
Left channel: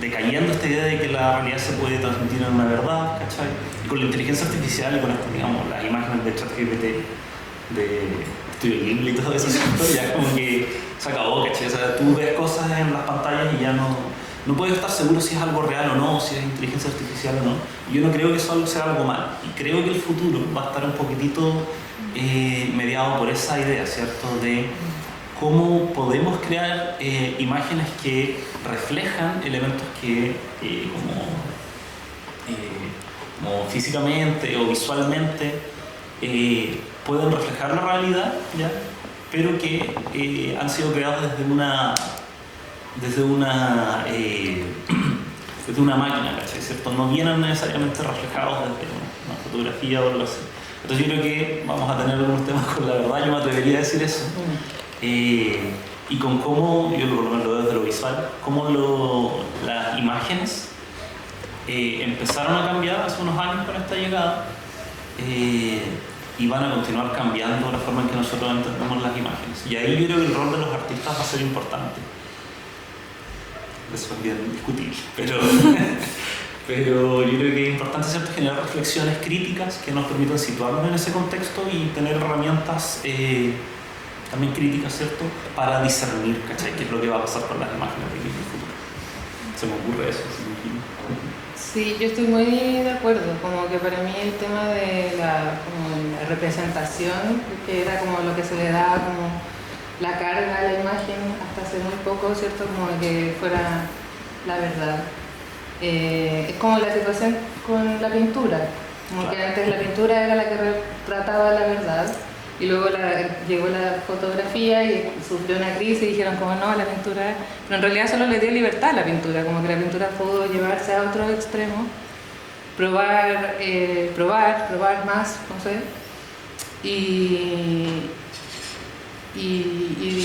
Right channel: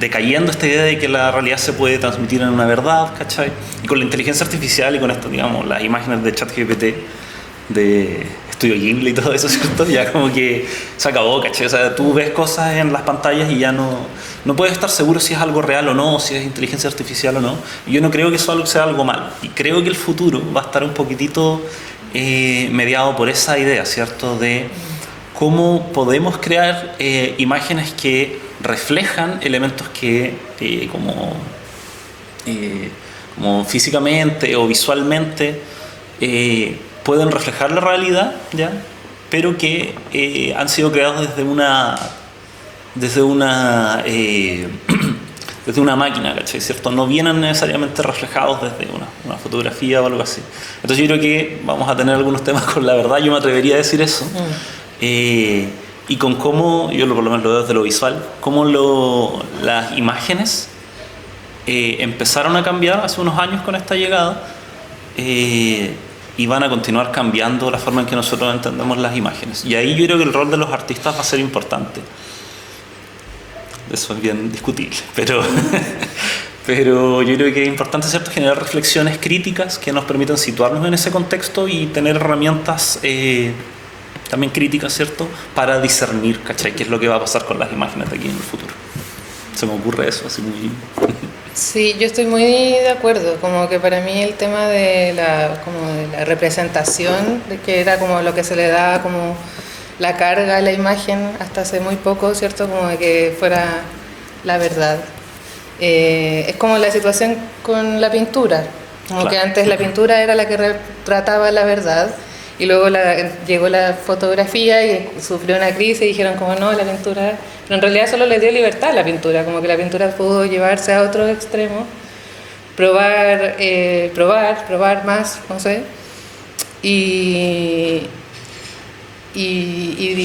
decayendo esta idea de que la realidad se puede transmitir en una verdad, ¿cachai? Y con la inteligencia artificial y con esto, digamos, las imágenes de ChatGPT, de Estudio Ghibli y todo eso, ¿cierto? Ya como que se acabó, ¿cachai? O sea, tú ves cosas en las pantallas y ya no puedes estar seguro si es algo real o no, si es inteligencia artificial o no. Y yo no creo que eso sea algo malo. Y creo que el futuro va a estar un poquitito mediado por esa idea, ¿cierto? De cómo podemos crear imágenes que reflejan elementos que como físicamente o visualmente pueden reflejar la realidad, ¿ya? Pero que han sido creados desde una máquina, ¿cachai? ¿Cierto? No vienen necesariamente reflejados desde una fotografía o algo así. Entonces yo creo que vamos a tener algunos temas con la verdad, yo me atrevería a decir eso. Y con cómo, yo por lo menos lo veo desde lo visual, cómo las imágenes empezaron a cambiar hace unos años con esta llegada y van a continuar cambiando la forma en que nosotros entendemos las imágenes. Y ahí yo creo que el rol de los artistas va a ser importante. Eso es bien discutible, pero yo creo que es importante, ¿cierto?, generar reflexiones críticas que nos permitan situarnos en ese contexto y tener herramientas también críticas, ¿cierto?, para discernir, ¿cachai?, qué es lo que va a pasar con las imágenes de aquí en el futuro. Se me ocurre eso, así muy... Sí, yo estoy muy de acuerdo, como que para mí el tema de la representación, de que era como lo que se le da como la carga a la imagen hasta hace muy poco, ¿cierto? Como de que fuera la verdad. Es como la situación con la pintura. Como Claro. que antes la pintura era la que retrataba la verdad y luego llegó la fotografía y sufrió una crisis y dijeron como no, la pintura... Pero en realidad solo le dio libertad a la pintura, como que la pintura pudo llevarse a otro extremo, probar más, no sé. Y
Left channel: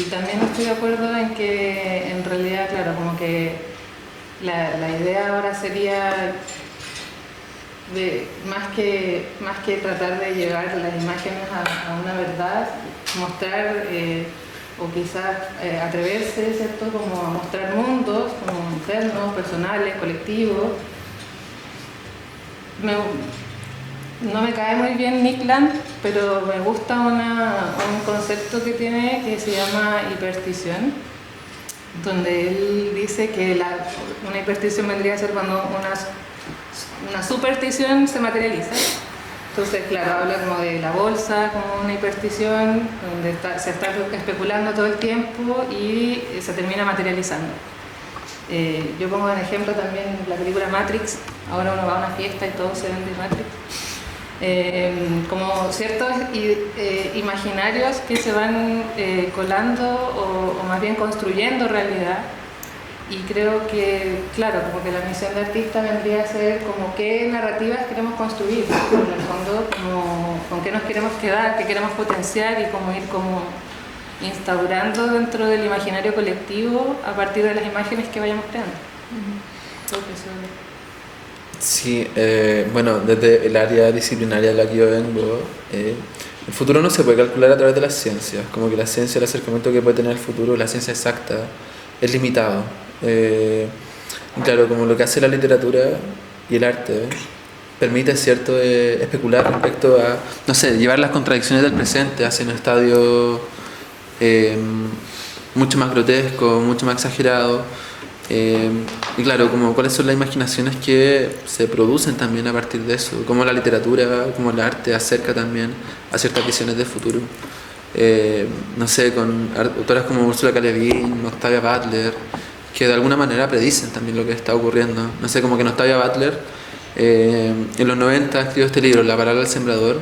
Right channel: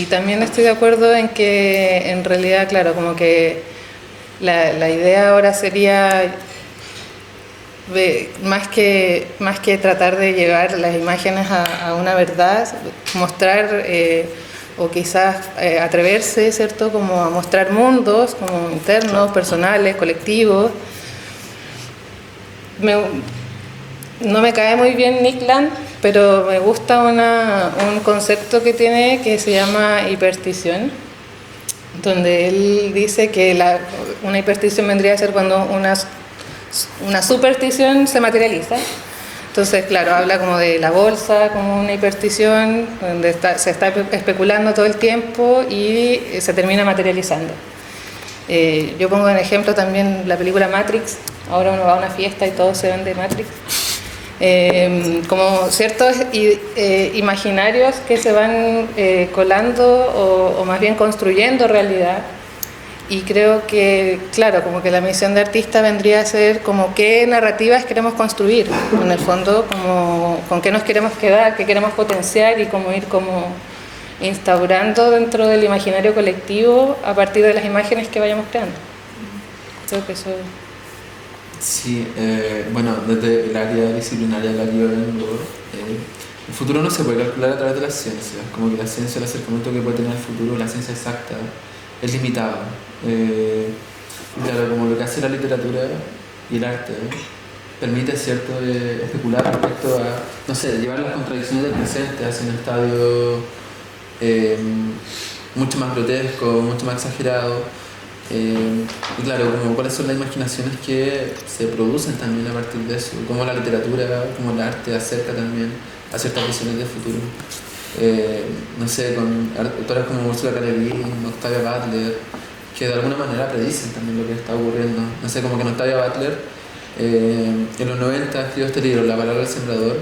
también estoy de acuerdo en que en realidad, claro, como que la idea ahora sería más que tratar de llegar las imágenes a una verdad, mostrar o quizás atreverse, ¿cierto? Como a mostrar mundos como internos, personales, colectivos. No me cae muy bien Nick Land, pero me gusta un concepto que tiene que se llama hiperstición, donde él dice que una hiperstición vendría a ser cuando una superstición se materializa. Entonces, claro, habla como de la bolsa, como una hiperstición, donde se está especulando todo el tiempo y se termina materializando. Yo pongo en ejemplo también la película Matrix. Ahora uno va a una fiesta y todo se vende Matrix. Como ciertos imaginarios que se van colando o más bien construyendo realidad. Y creo que, claro, como que la misión de artista vendría a ser como qué narrativas queremos construir, en el fondo, como con qué nos queremos quedar, qué queremos potenciar y cómo ir como instaurando dentro del imaginario colectivo a partir de las imágenes que vayamos creando. Creo que eso... Sí, bueno, desde el área disciplinaria de la que yo vengo, el futuro no se puede calcular a través de las ciencias, como que la ciencia, el acercamiento que puede tener el futuro, la ciencia exacta, es limitado. Claro, como lo que hace la literatura y el arte permite, ¿cierto?, especular respecto a, no sé, llevar las contradicciones del presente hacia un estadio mucho más grotesco, mucho más exagerado. Y claro, como cuáles son las imaginaciones que se producen también a partir de eso, cómo la literatura, cómo el arte acerca también a ciertas visiones del futuro. No sé, con autoras como Ursula K. Le Guin, Octavia Butler, que de alguna manera predicen también lo que está ocurriendo. No sé, como que Octavia Butler en los 90 escribió este libro, La palabra del sembrador,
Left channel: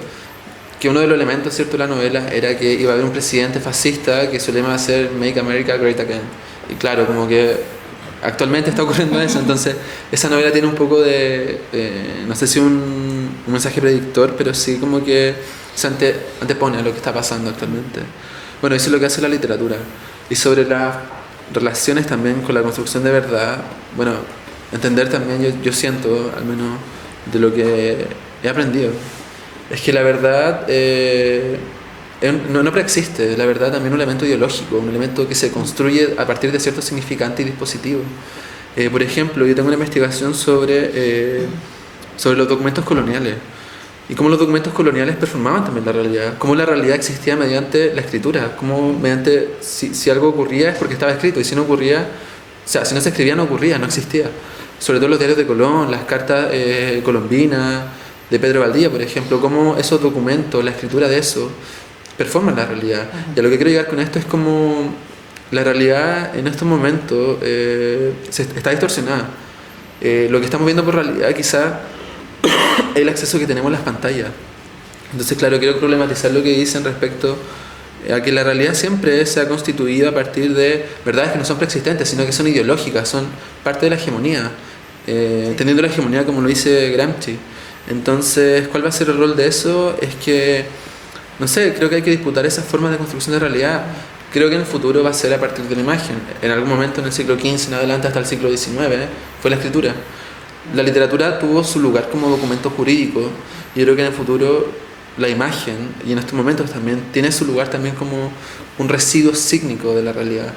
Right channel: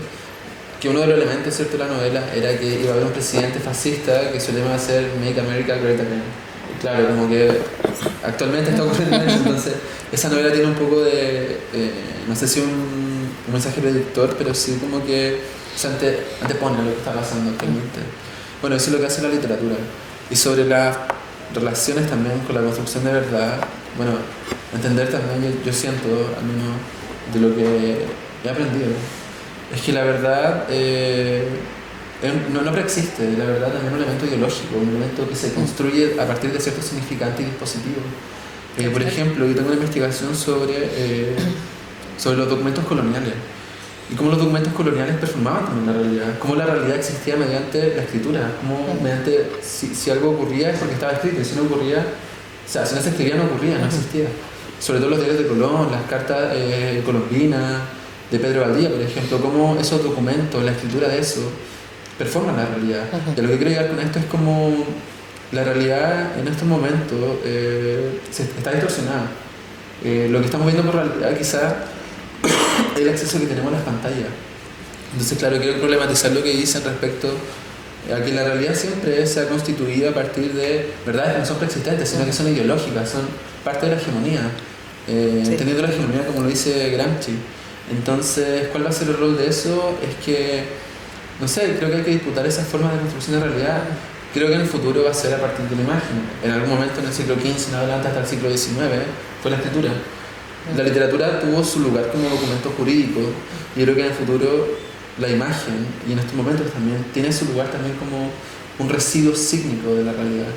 que uno de los elementos, ¿cierto?, de la novela era que iba a haber un presidente fascista que su lema iba a ser Make America Great Again. Y claro, como que actualmente está ocurriendo eso, entonces esa novela tiene un poco de, no sé si un mensaje predictor, pero sí como que se antepone a lo que está pasando actualmente. Bueno, eso es lo que hace la literatura. Y sobre las relaciones también con la construcción de verdad, bueno, entender también, yo siento, al menos de lo que he aprendido, es que la verdad no preexiste. La verdad también es un elemento ideológico, un elemento que se construye a partir de ciertos significantes y dispositivos. Por ejemplo, yo tengo una investigación sobre los documentos coloniales y cómo los documentos coloniales performaban también la realidad, cómo la realidad existía mediante la escritura, cómo mediante si algo ocurría es porque estaba escrito y si no ocurría, o sea, si no se escribía no ocurría, no existía. Sobre todo los diarios de Colón, las cartas colombinas de Pedro Valdivia, por ejemplo, cómo esos documentos, la escritura de eso performan la realidad. Y a lo que quiero llegar con esto es como la realidad en estos momentos está distorsionada. Lo que estamos viendo por realidad quizás es el acceso que tenemos a las pantallas. Entonces, claro, quiero problematizar lo que dicen respecto a que la realidad siempre se ha constituido a partir de verdades que no son preexistentes, sino que son ideológicas, son parte de la hegemonía, entendiendo la hegemonía como lo dice Gramsci. Entonces, ¿cuál va a ser el rol de eso? Es que, no sé, creo que hay que disputar esas formas de construcción de realidad. Creo que en el futuro va a ser a partir de la imagen. En algún momento en el siglo XV en adelante hasta el siglo XIX fue la escritura. La literatura tuvo su lugar como documento jurídico. Yo creo que en el futuro la imagen, y en estos momentos también, tiene su lugar también como un residuo sígnico de la realidad.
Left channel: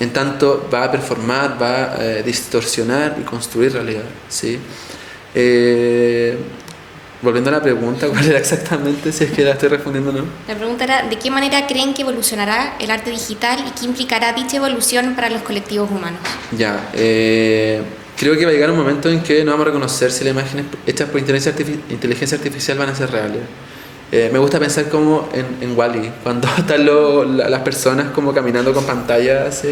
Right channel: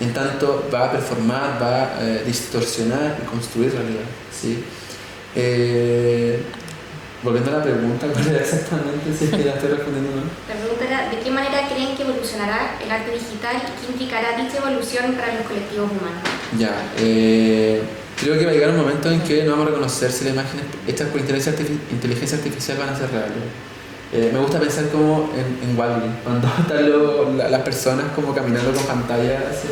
En tanto va a performar, va a distorsionar y construir realidad, ¿sí? Volviendo a la pregunta, ¿cuál era exactamente? Si es que la estoy respondiendo o no. La pregunta era, ¿de qué manera creen que evolucionará el arte digital y qué implicará dicha evolución para los colectivos humanos? Ya, creo que va a llegar un momento en que no vamos a reconocer si las imágenes hechas por inteligencia artificial van a ser reales. Me gusta pensar como en Wall-E, cuando están las personas como caminando con pantallas.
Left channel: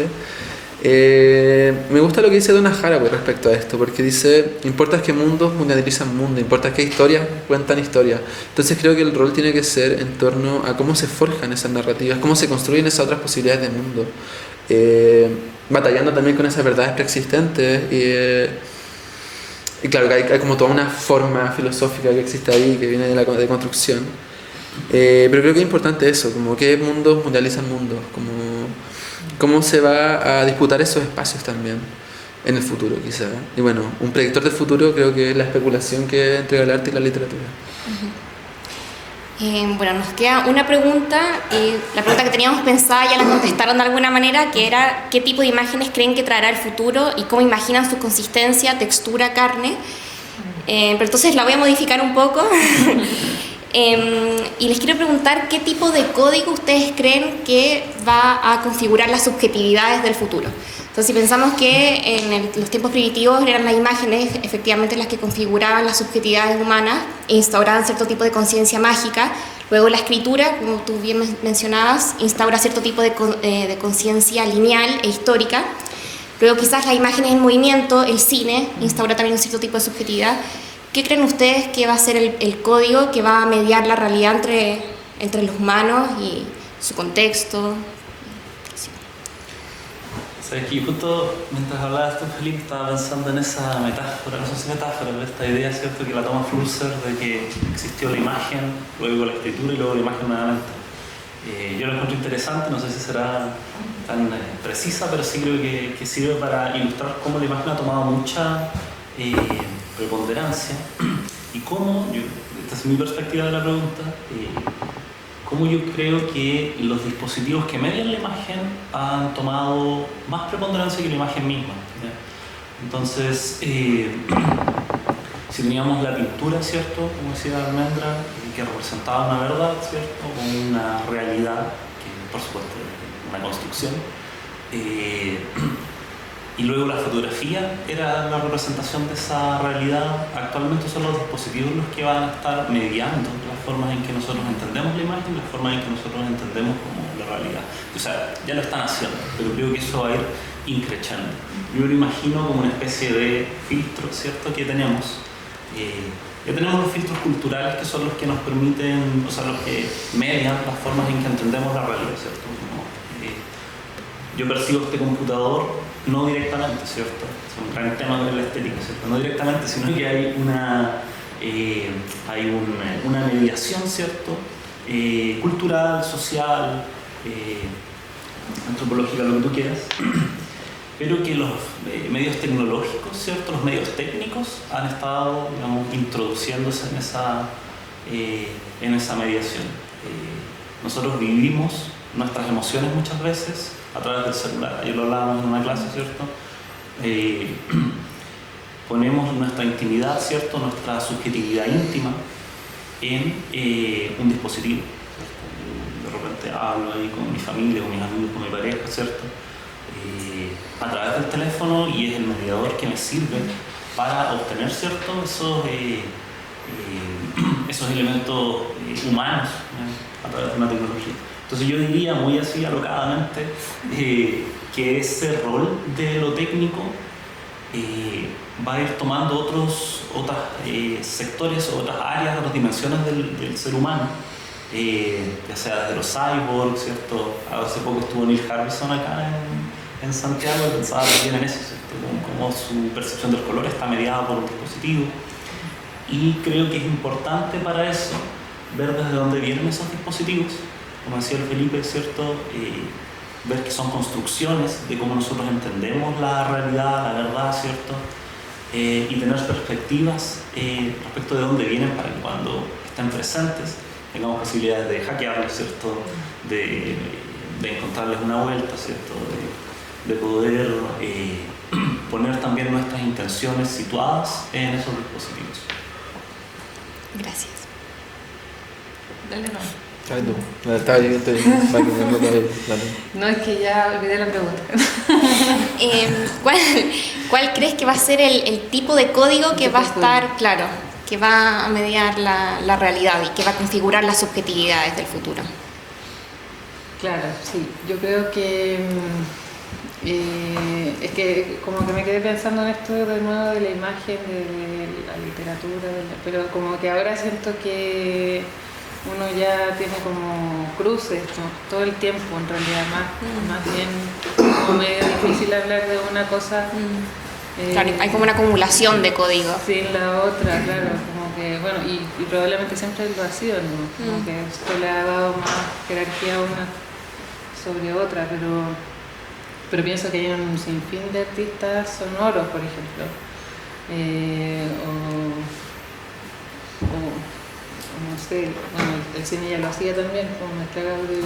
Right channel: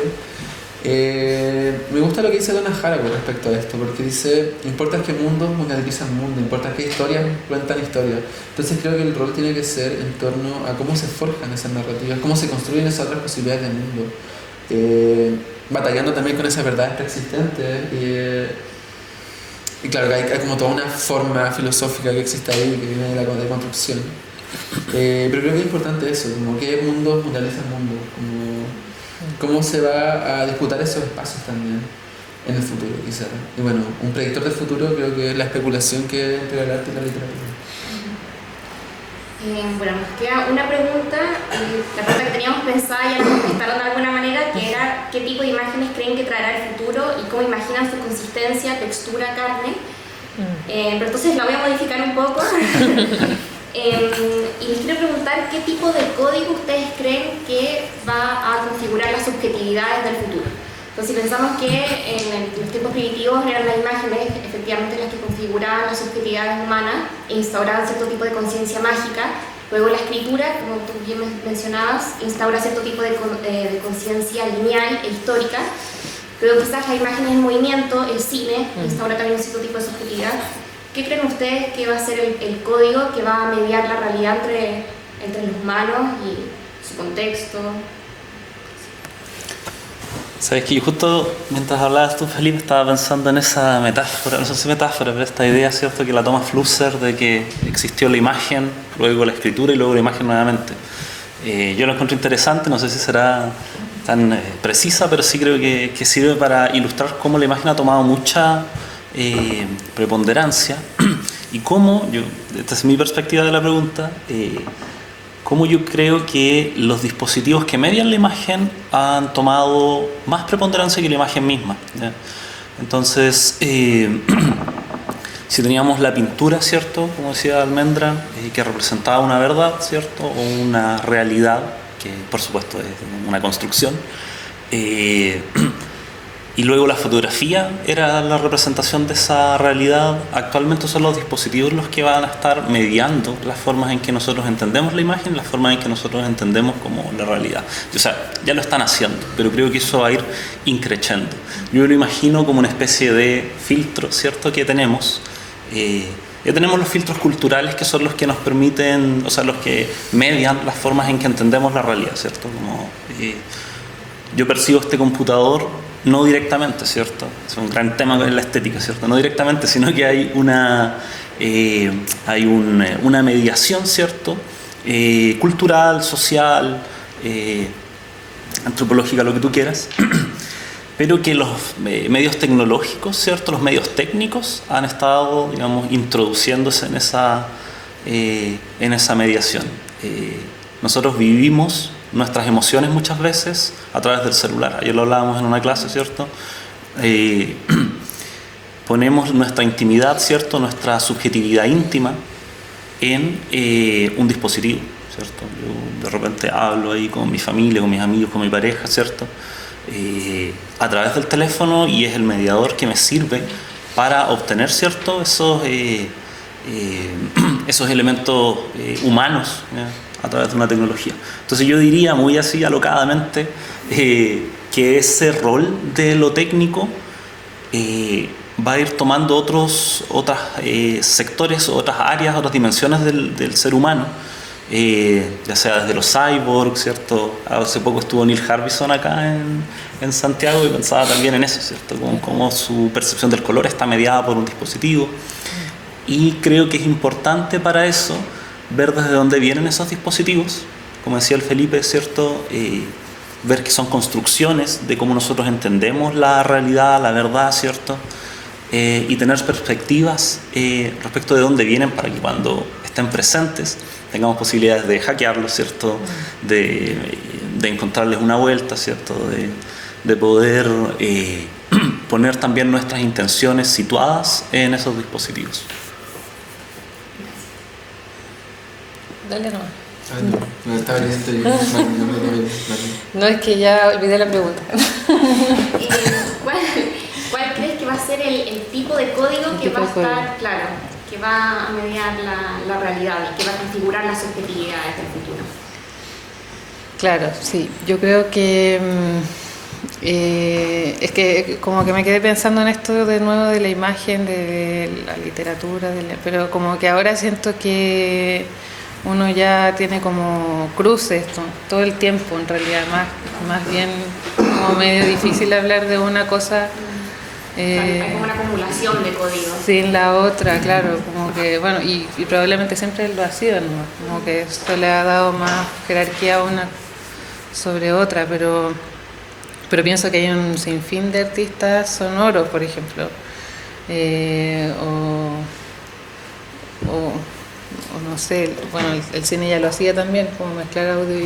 Me gusta lo que dice Donna Haraway respecto a esto, porque dice, importa qué mundos mundializan mundo, importa qué historias cuentan historias. Entonces creo que el rol tiene que ser en torno a cómo se forjan esas narrativas, cómo se construyen esas otras posibilidades de mundo. Batallando también con esas verdades preexistentes. Y claro, que hay como toda una forma filosófica que existe ahí, que viene de la construcción. Pero creo que es importante eso, como qué mundos mundializan mundos, como cómo se va a disputar esos espacios también en el futuro, quizás. Y bueno, un predictor del futuro creo que es la especulación que entrega el arte y la literatura. Bueno, nos queda una pregunta, la pregunta que teníamos pensada ya la contestaron de alguna manera, que era ¿qué tipo de imágenes creen que traerá el futuro y cómo imaginan su consistencia, textura, carne? Pero entonces la voy a modificar un poco. Y les quiero preguntar qué tipo de código ustedes creen que va a configurar las subjetividades del futuro. Entonces, si pensamos que en los tiempos primitivos eran las imágenes efectivamente las que configuraban las subjetividades humanas e instauraban cierto tipo de conciencia mágica, luego la escritura, como tú bien mencionabas, instaura cierto tipo de conciencia lineal e histórica, luego quizás las imágenes en movimiento, el cine, instaura también un cierto tipo de subjetividad. ¿Qué creen ustedes que va a ser el código que va a mediar la realidad entre los humanos y su contexto? Sabes que yo justo mientras hablabas tú, Felipe, estaba pensando en esa metáfora, no sé si metáfora, pero esta idea, ¿cierto?, que la toma Flusser de que existió la imagen, luego la escritura y luego la imagen nuevamente. Yo lo encuentro interesante, no sé si será tan precisa, pero sí creo que sirve para ilustrar cómo la imagen ha tomado mucha preponderancia y cómo, esta es mi perspectiva de la pregunta, cómo yo creo que los dispositivos que median la imagen han tomado más preponderancia que la imagen misma, ¿ya? Entonces, si teníamos la pintura, ¿cierto?, como decía Almendra, que representaba una verdad, ¿cierto?, o una realidad, que por supuesto es una construcción, y luego la fotografía era la representación de esa realidad. Actualmente son los dispositivos los que van a estar mediando las formas en que nosotros entendemos la imagen, las formas en que nosotros entendemos como la realidad. O sea, ya lo están haciendo, pero creo que eso va a ir increciendo. Yo lo imagino como una especie de filtro, ¿cierto?, que tenemos. Ya tenemos los filtros culturales que son los que nos permiten, o sea, los que median las formas en que entendemos la realidad, ¿cierto? Como, yo percibo este computador no directamente, ¿cierto? Es un gran tema en la estética, ¿cierto? No directamente, sino que hay una mediación, ¿cierto? Cultural, social, antropológica, lo que tú quieras, pero que los medios tecnológicos, ¿cierto?, los medios técnicos han estado, digamos, introduciéndose en esa mediación. Nosotros vivimos nuestras emociones muchas veces a través del celular. Ayer lo hablábamos en una clase, ¿cierto? Ponemos nuestra intimidad, ¿cierto?, nuestra subjetividad íntima en un dispositivo, ¿cierto? Yo de repente hablo ahí con mi familia, con mis amigos, con mi pareja, ¿cierto?, a través del teléfono, y es el mediador que me sirve para obtener, ¿cierto?, esos elementos humanos, ¿ya?, a través de una tecnología. Entonces yo diría muy así alocadamente que ese rol de lo técnico va a ir tomando otros sectores, otras áreas, otras dimensiones del ser humano, ya sea desde los cyborgs, ¿cierto? Hace poco estuvo Neil Harbisson acá en Santiago y pensaba también en eso, ¿cierto? Cómo su percepción del color está mediada por un dispositivo, y creo que es importante para eso ver desde dónde vienen esos dispositivos, como decía el Felipe, ¿cierto? Ver que son construcciones de cómo nosotros entendemos la realidad, la verdad, ¿cierto? Y tener perspectivas respecto de dónde vienen para que cuando estén presentes tengamos posibilidades de hackearlos, ¿cierto? De encontrarles una vuelta, ¿cierto? De poder poner también nuestras intenciones situadas en esos dispositivos. Gracias. Dale, no. No, estaba evidente. No, es que ya olvidé la pregunta. ¿Cuál crees que va a ser el tipo de código que va a estar, claro, que va a mediar la realidad y que va a configurar las subjetividades del futuro? Claro, sí. Yo creo que Es que como que me quedé pensando en esto de nuevo de la imagen, de la literatura, pero como que ahora siento que uno ya tiene como cruces todo el tiempo, en realidad, más bien como medio difícil hablar de una cosa. Hay como una acumulación de código. Sin la otra, claro, como que, bueno, y probablemente siempre lo ha sido, ¿no? Como que esto le ha dado más jerarquía a una sobre otra, pero pienso que hay un sinfín de artistas sonoros, por ejemplo, o no sé, bueno, el cine ya lo hacía también, como mezclar audio y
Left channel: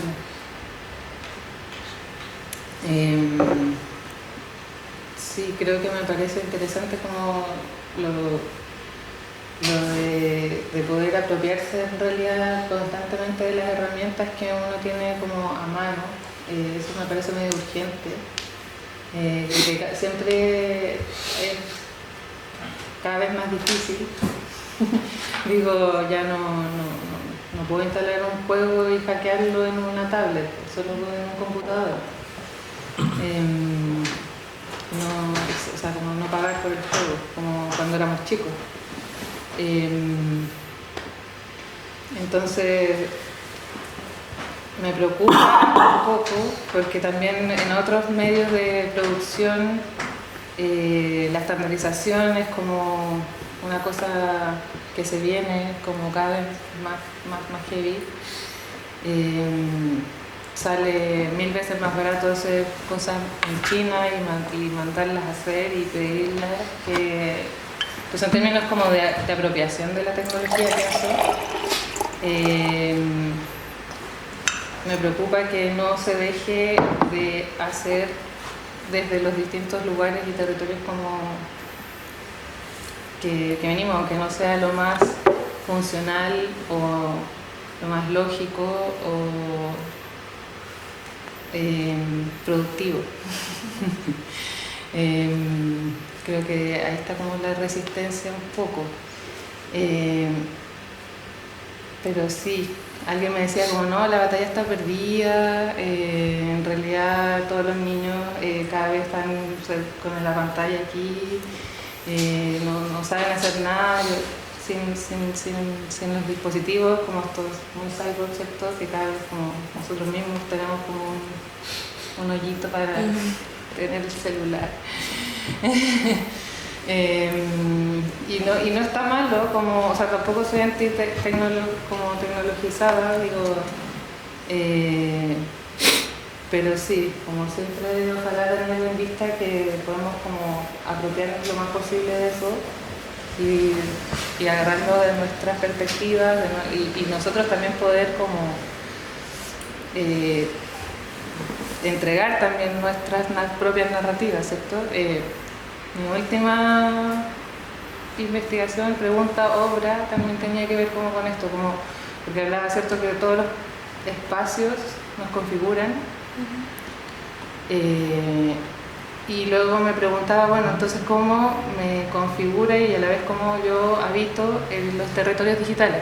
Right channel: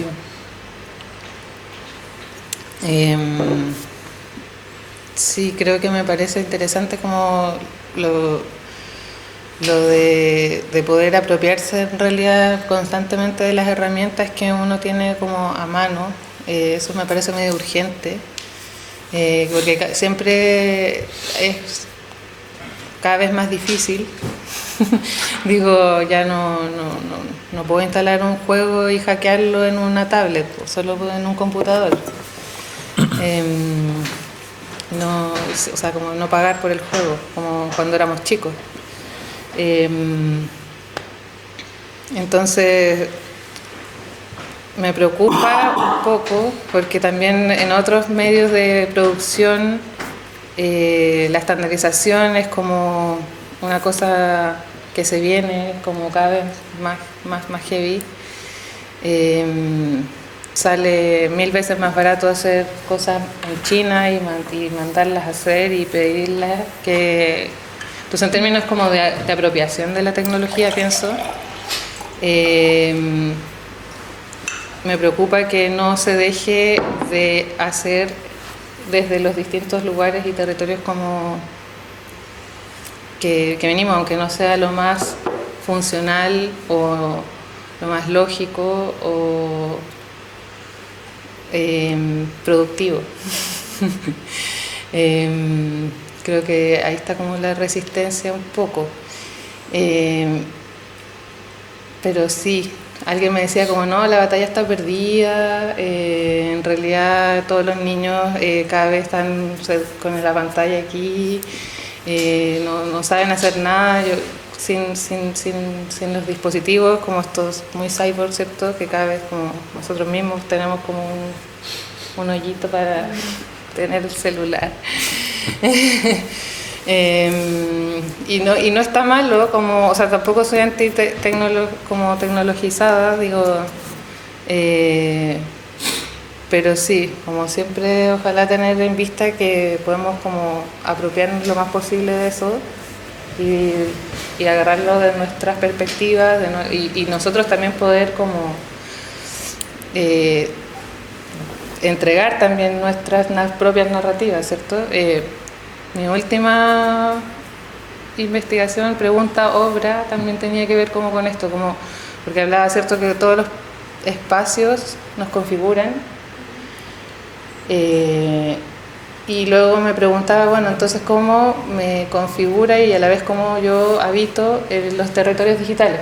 sí, creo que me parece interesante como lo de poder apropiarse en realidad constantemente de las herramientas que uno tiene como a mano. Eso me parece medio urgente, porque siempre es cada vez más difícil. Digo, ya no puedo instalar un juego y hackearlo en una tablet, solo en un computador. No, o sea, como no pagar por el juego, como cuando éramos chicos. Entonces me preocupa un poco porque también en otros medios de producción la estandarización es como una cosa que se viene como cada vez más heavy. Sale 1000 veces más barato hacer cosas en China y mandarlas a hacer y pedirlas que... Entonces, en términos como de apropiación de la tecnología, pienso, me preocupa que no se deje de hacer desde los distintos lugares y territorios como que venimos, aunque no sea lo más funcional o lo más lógico o productivo. Creo que ahí está como la resistencia un poco. Pero sí, alguien me decía como no, la batalla está perdida, en realidad todos los niños cada vez están con la pantalla aquí, no saben hacer nada. Sin los dispositivos como estos muy cyborg, ¿cierto? Que cada vez como nosotros mismos tenemos como un hoyito para tener el celular. Y no está malo, como, o sea, tampoco soy como tecnologizada, digo, pero sí, como siempre, ojalá tener en vista que podemos como apropiarnos lo más posible de eso y agarrarlo de nuestras perspectivas y nosotros también poder como entregar también nuestras propias narrativas, ¿cierto? Mi última investigación, pregunta, obra, también tenía que ver como con esto, como, porque hablaba, ¿cierto?, que todos los espacios nos configuran. Y luego me preguntaba, bueno, entonces cómo me configura y a la vez cómo yo habito los territorios digitales,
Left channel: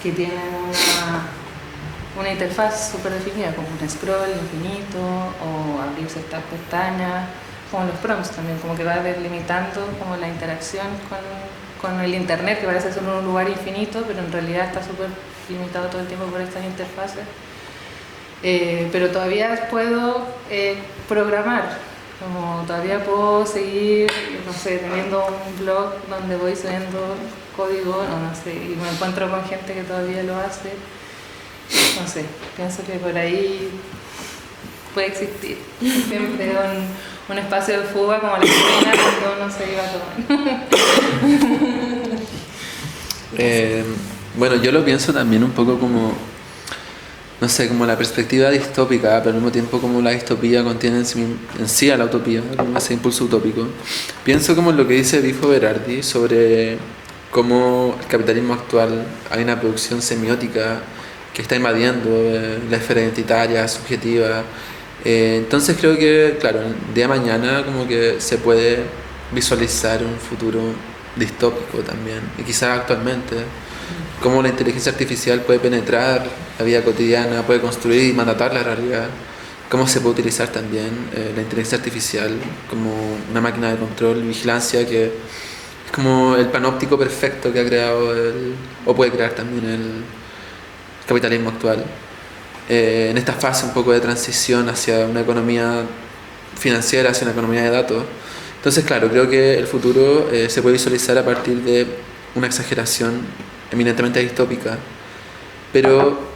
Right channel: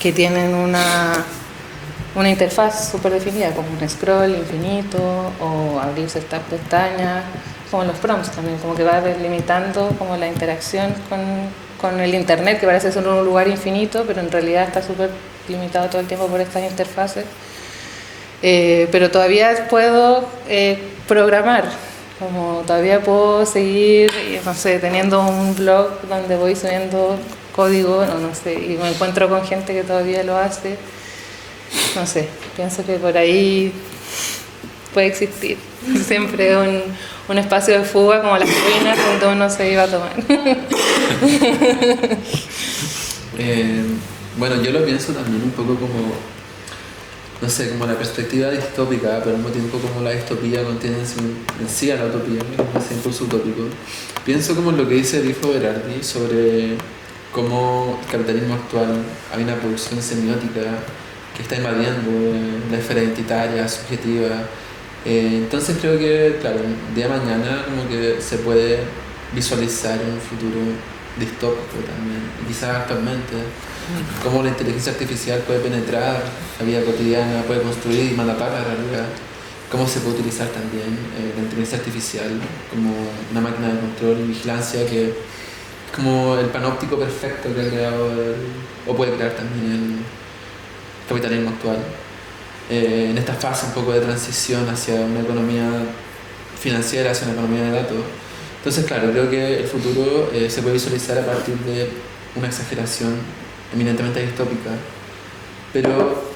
que tienen una interfaz súper definida, como un scroll infinito o abrir ciertas pestañas, como los prompts también, como que va delimitando como la interacción con el internet, que parece ser un lugar infinito, pero en realidad está súper limitado todo el tiempo por estas interfaces. Pero todavía puedo programar, como todavía puedo seguir, no sé, teniendo un blog donde voy subiendo código, no sé, y me encuentro con gente que todavía lo hace. No sé, pienso que por ahí puede existir siempre un espacio de fuga como las penas donde uno se iba a tomar. Bueno, yo lo pienso también un poco como, no sé, como la perspectiva distópica, pero al mismo tiempo como la distopía contiene en sí a la utopía, como ese impulso utópico. Pienso como en lo que dice Dijo Berardi sobre cómo el capitalismo actual hay una producción semiótica que está invadiendo la esfera identitaria, subjetiva. Entonces creo que, claro, el día de mañana como que se puede visualizar un futuro distópico también, y quizás actualmente, cómo la inteligencia artificial puede penetrar la vida cotidiana, puede construir y mandatar la realidad, cómo se puede utilizar también la inteligencia artificial como una máquina de control y vigilancia que es como el panóptico perfecto que ha creado o puede crear también el capitalismo actual. En esta fase un poco de transición hacia una economía financiera, hacia una economía de datos. Entonces, claro, creo que el futuro se puede visualizar a partir de una exageración eminentemente distópica, pero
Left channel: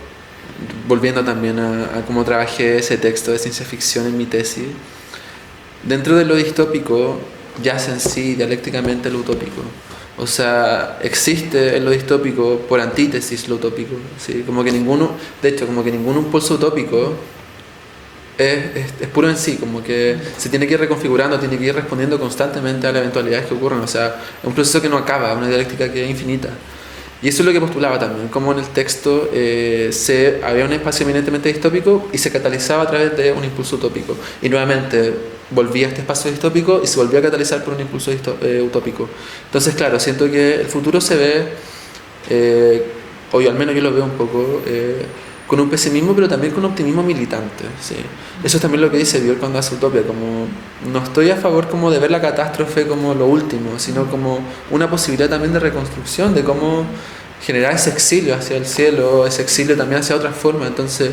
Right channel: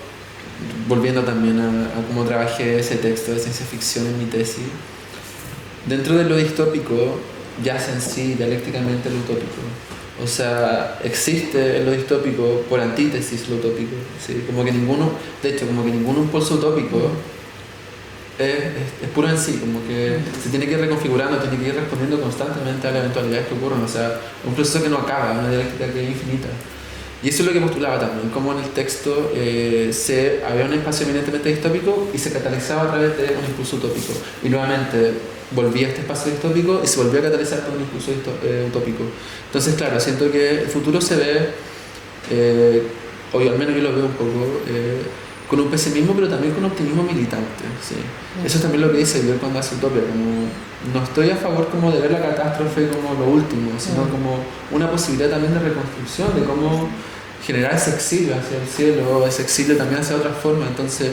volviendo también a cómo trabajé ese texto de ciencia ficción en mi tesis, dentro de lo distópico yace en sí dialécticamente lo utópico. O sea, existe en lo distópico por antítesis lo utópico, ¿sí? Como que ninguno, de hecho, como que ningún impulso utópico es puro en sí, como que se tiene que ir reconfigurando, tiene que ir respondiendo constantemente a las eventualidades que ocurren. O sea, es un proceso que no acaba, una dialéctica que es infinita. Y eso es lo que postulaba también, como en el texto había un espacio eminentemente distópico y se catalizaba a través de un impulso utópico. Y nuevamente volvía a este espacio distópico y se volvía a catalizar por un impulso utópico. Entonces, claro, siento que el futuro se ve, o yo al menos yo lo veo un poco, con un pesimismo, pero también con un optimismo militante. ¿Sí? Eso es también lo que dice Dior cuando hace Utopia, como no estoy a favor como de ver la catástrofe como lo último, sino como una posibilidad también de reconstrucción, de cómo generar ese exilio hacia el cielo, ese exilio también hacia otras formas. Entonces,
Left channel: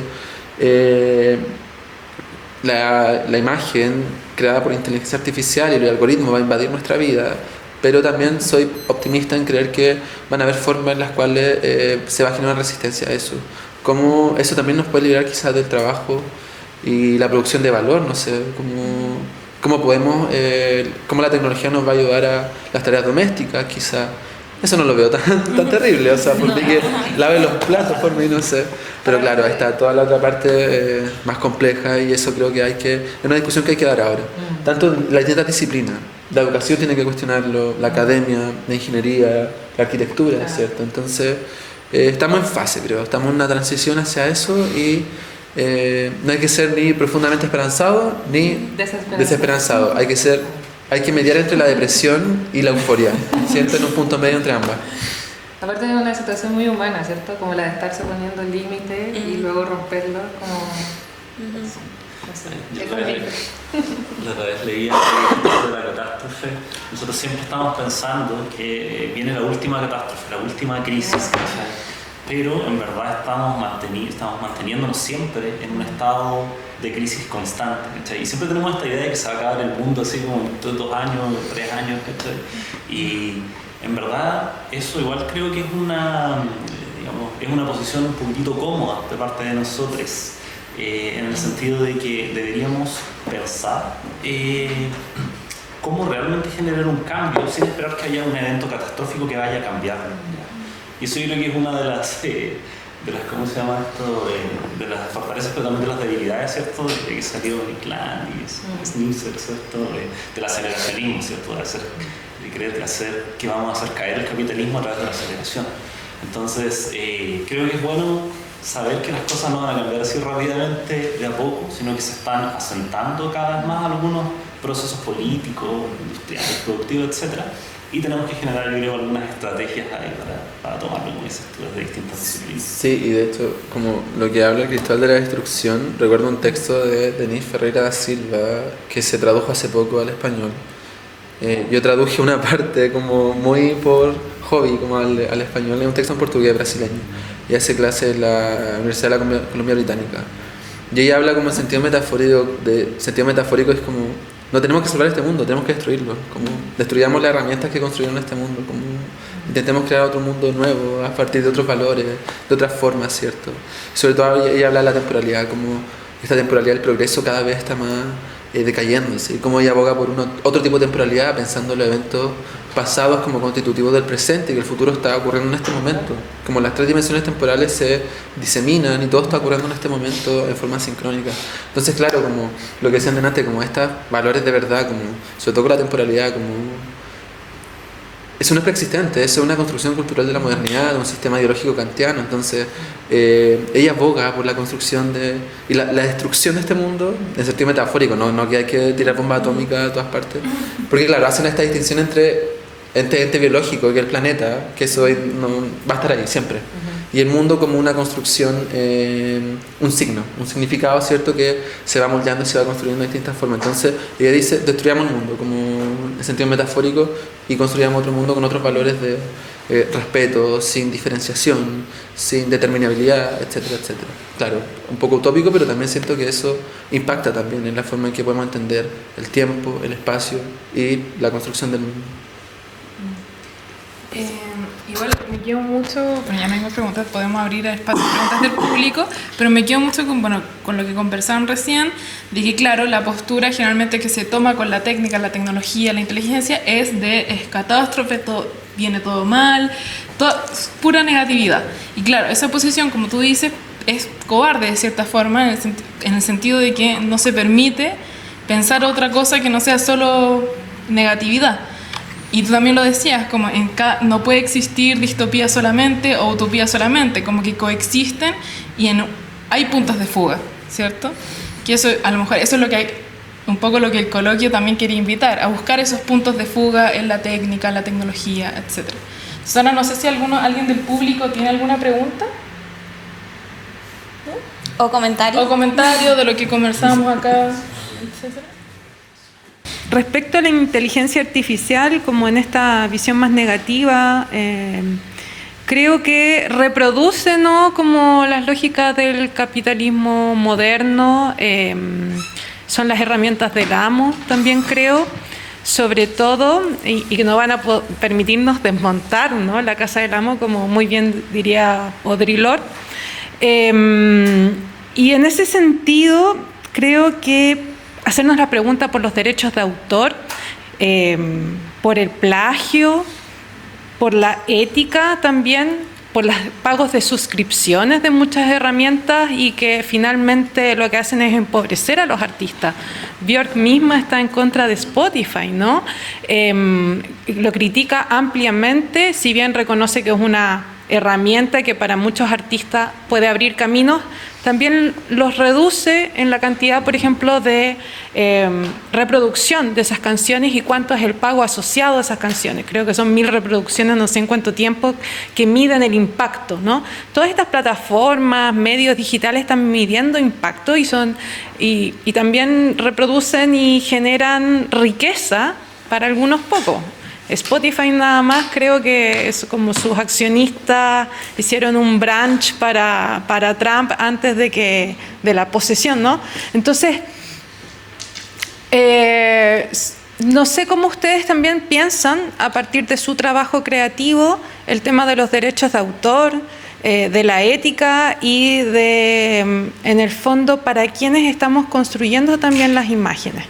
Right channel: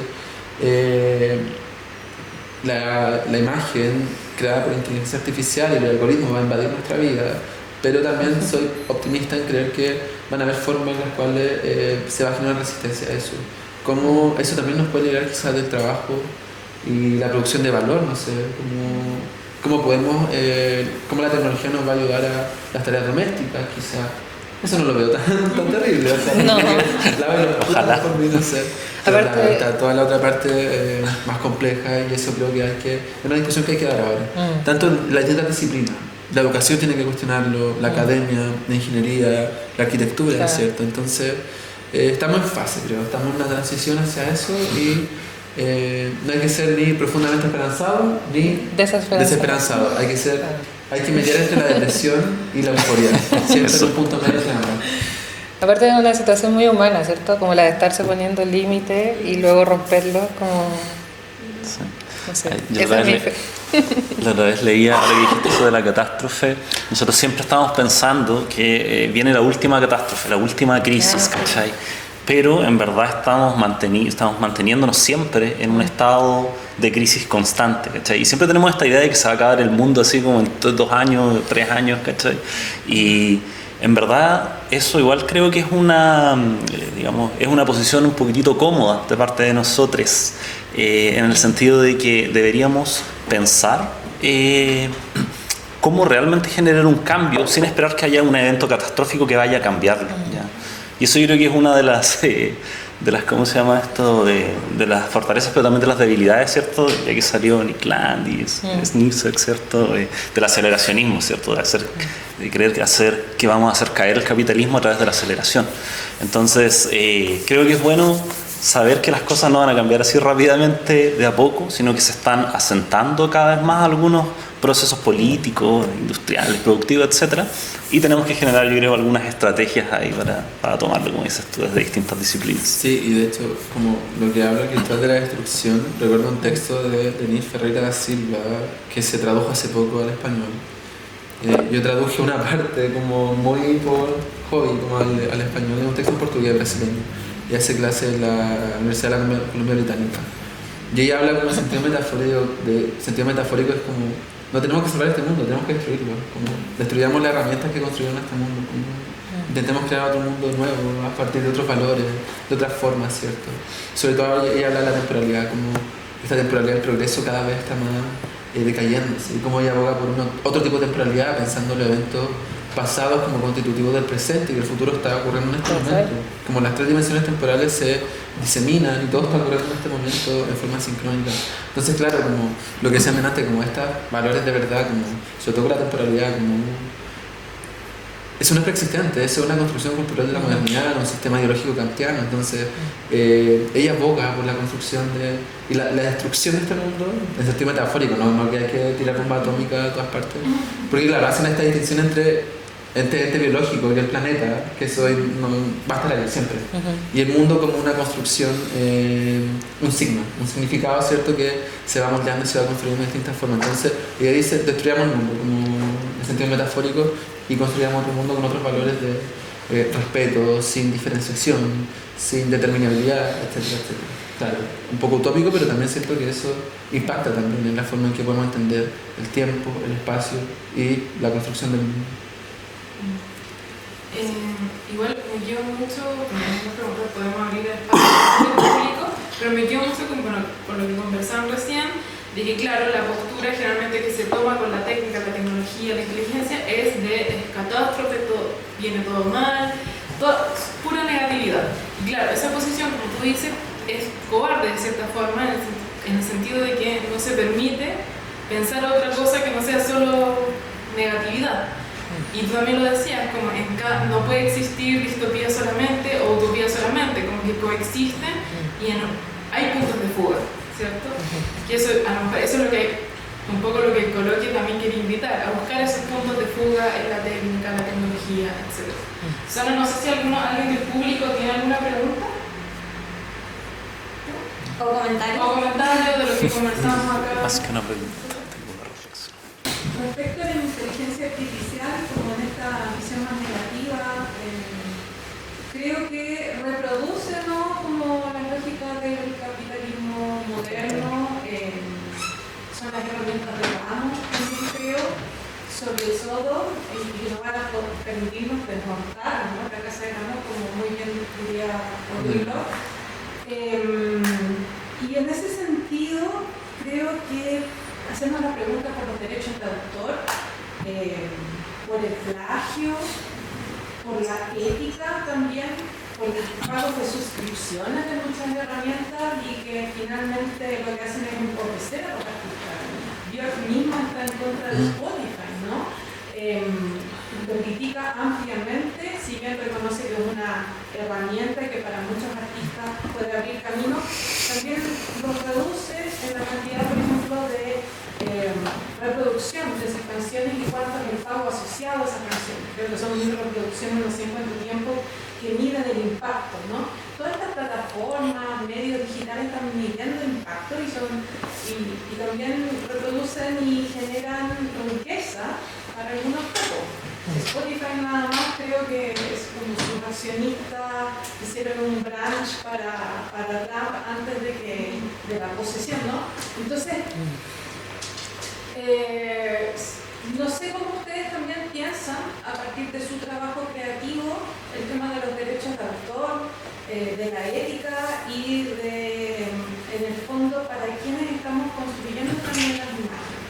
la imagen creada por inteligencia artificial y el algoritmo va a invadir nuestra vida, pero también soy optimista en creer que van a haber formas en las cuales se va a generar resistencia a eso. Cómo eso también nos puede liberar quizás del trabajo y la producción de valor, no sé, cómo podemos, cómo la tecnología nos va a ayudar a las tareas domésticas, quizás. Eso no lo veo tan terrible, o sea, porque que laven los platos por mí, no sé. Pero claro, ahí está toda la otra parte más compleja y eso creo que es una discusión que hay que dar ahora. Tanto en las distintas disciplinas, la educación tiene que cuestionarlo, la academia, la ingeniería, la arquitectura, ¿no es cierto? Entonces, estamos en fase, creo, estamos en una transición hacia eso y no hay que ser ni profundamente esperanzado ni desesperanzado. Hay que mediar entre la depresión y la euforia, siempre en un punto medio entre ambas. Aparte de una situación muy humana, ¿cierto? Como la de estarse poniendo límites y luego romperlos, como... No sé, la otra vez leía eso de la catástrofe. Nosotros siempre estamos pensando que viene la última catástrofe, la última crisis, ¿cachai? Pero en verdad estamos manteniéndonos siempre en un estado de crisis constante, ¿cachai? Y siempre tenemos esta idea de que se va a acabar el mundo así como en 2 años, 3 años, ¿cachai? Y en verdad eso igual creo que es una posición un poquitito cómoda de parte de nosotros, en el sentido de que deberíamos pensar cómo realmente generar un cambio sin esperar que haya un evento catastrófico que vaya a cambiarlo, ¿ya? Y eso yo creo que es una de las ¿cómo se llama esto? De las fortalezas, pero también de las debilidades, ¿cierto? De que salió Nick Land y Snipes, ¿cierto? Del aceleracionismo, ¿cierto? De creer hacer que vamos a hacer caer el capitalismo a través de la aceleración. Entonces, creo que es bueno saber que las cosas no van a cambiar así rápidamente de a poco, sino que se están asentando cada vez más algunos procesos políticos, industriales, productivos, etcétera. Y tenemos que generar, yo creo, algunas estrategias ahí para tomarlo, como dices tú, desde distintas disciplinas. Sí, y de hecho, como lo que habla el Cristal de la Destrucción, recuerdo un texto de Denis Ferreira da Silva que se tradujo hace poco al español. Yo traduje una parte como muy por hobby como al español, es un texto en portugués brasileño, y hace clase en la Universidad de la Columbia Británica. Y ella habla como en sentido metafórico es como, no tenemos que salvar este mundo, tenemos que destruirlo, como destruyamos las herramientas que construyeron este mundo, como intentemos crear otro mundo nuevo a partir de otros valores, de otras formas, ¿cierto? Sobre todo ella habla de la temporalidad, como esta temporalidad del progreso cada vez está más decayendo, ¿sí? Como ella aboga por otro tipo de temporalidad, pensando en los eventos pasados como constitutivos del presente, que el futuro está ocurriendo en este momento. Como las 3 dimensiones temporales se diseminan y todo está ocurriendo en este momento en forma sincrónica. Entonces, claro, como lo que decían antes, como estos valores de verdad, como sobre todo con la temporalidad, como eso no es preexistente, eso es una construcción cultural de la modernidad, de un sistema ideológico kantiano. Entonces, ella aboga por la construcción y la destrucción de este mundo, en sentido metafórico, no que hay que tirar bombas atómicas a todas partes, porque claro, hacen esta distinción entre este ente biológico que es el planeta, que eso va a estar ahí siempre. Y el mundo como una construcción, un signo, un significado, ¿cierto? Que se va moldeando y se va construyendo de distintas formas. Entonces, ella dice, destruyamos el mundo, como en sentido metafórico, y construyamos otro mundo con otros valores de respeto, sin diferenciación, sin determinabilidad, etcétera, etcétera. Claro, un poco utópico, pero también siento que eso impacta también en la forma en que podemos entender el tiempo, el espacio y la construcción del mundo. Igual me quedo mucho, bueno, ya me iba a preguntar, podemos abrir el espacio del público, pero me quedo mucho con lo que conversaron recién, de que claro, la postura generalmente que se toma con la técnica, la tecnología, la inteligencia, es es catástrofe, viene todo mal, pura negatividad. Y claro, esa posición, como tú dices, es cobarde de cierta forma, en el sentido de que no se permite pensar otra cosa que no sea solo negatividad. Y tú también lo decías, como no puede existir distopía solamente o utopía solamente, como que coexisten y hay puntos de fuga, ¿cierto? Que eso, a lo mejor, eso es lo que hay, un poco lo que el coloquio también quería invitar, a buscar esos puntos de fuga en la técnica, en la tecnología, etc. Susana, no sé si alguien del público tiene alguna pregunta. O comentario. O comentario de lo que conversamos acá. Respecto a la inteligencia artificial, como en esta visión más negativa, creo que reproduce, ¿no?, como las lógicas del capitalismo moderno, son las herramientas del amo, también creo, sobre todo, y que no van a permitirnos desmontar, ¿no?, la casa del amo, como muy bien diría Audre Lorde. Y en ese sentido, creo que hacernos la pregunta por los derechos de autor, por el plagio, por la ética también, por los pagos de suscripciones de muchas herramientas y que finalmente lo que hacen es empobrecer a los artistas. Björk misma está en contra de Spotify, ¿no? Lo critica ampliamente, si bien reconoce que es una herramienta que para muchos artistas puede abrir caminos, también los reduce en la cantidad, por ejemplo, de reproducción de esas canciones y cuánto es el pago asociado a esas canciones. Creo que son 1000 reproducciones, no sé en cuánto tiempo, que miden el impacto, ¿no? Todas estas plataformas, medios digitales están midiendo impacto y también reproducen y generan riqueza para algunos pocos. Spotify nada más, creo que es como sus accionistas hicieron un branch para Trump antes de la posesión, ¿no? Entonces, no sé cómo ustedes también piensan, a partir de su trabajo creativo, el tema de los derechos de autor, de la ética y en el fondo, para quienes estamos construyendo también las imágenes.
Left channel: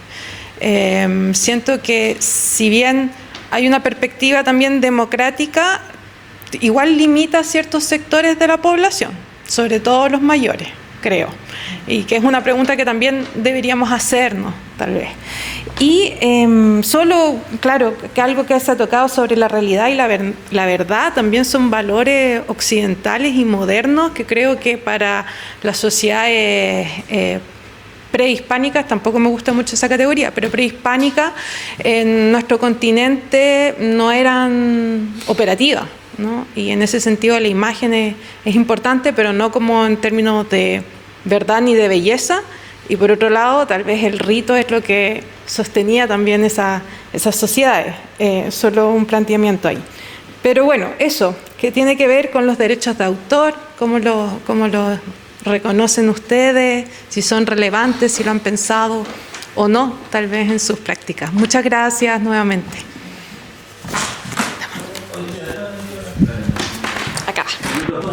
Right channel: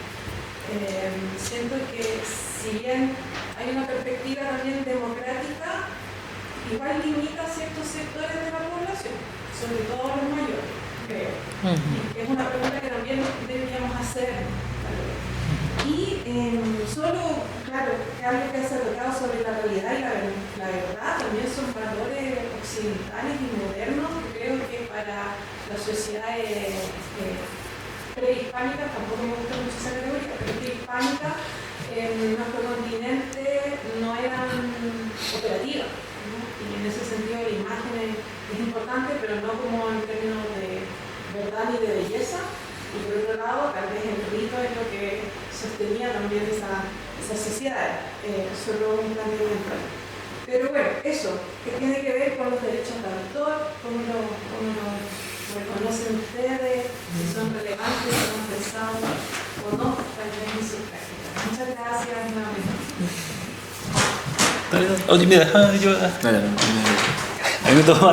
Siento que si bien hay una perspectiva también democrática, igual limita a ciertos sectores de la población, sobre todo los mayores, creo. Y que es una pregunta que también deberíamos hacernos, tal vez. Y solo, claro, que algo que se ha tocado sobre la realidad y la verdad también son valores occidentales y modernos que creo que para las sociedades prehispánicas, tampoco me gusta mucho esa categoría, pero prehispánicas en nuestro continente no eran operativas, ¿no? Y en ese sentido la imagen es importante, pero no como en términos de verdad ni de belleza. Y por otro lado, tal vez el rito es lo que sostenía también esas sociedades. Solo un planteamiento ahí. Pero bueno, eso, que tiene que ver con los derechos de autor, cómo lo reconocen ustedes, si son relevantes, si lo han pensado o no, tal vez en sus prácticas. Muchas gracias nuevamente. Oye, me deja yo. Dale. Acá. Me toma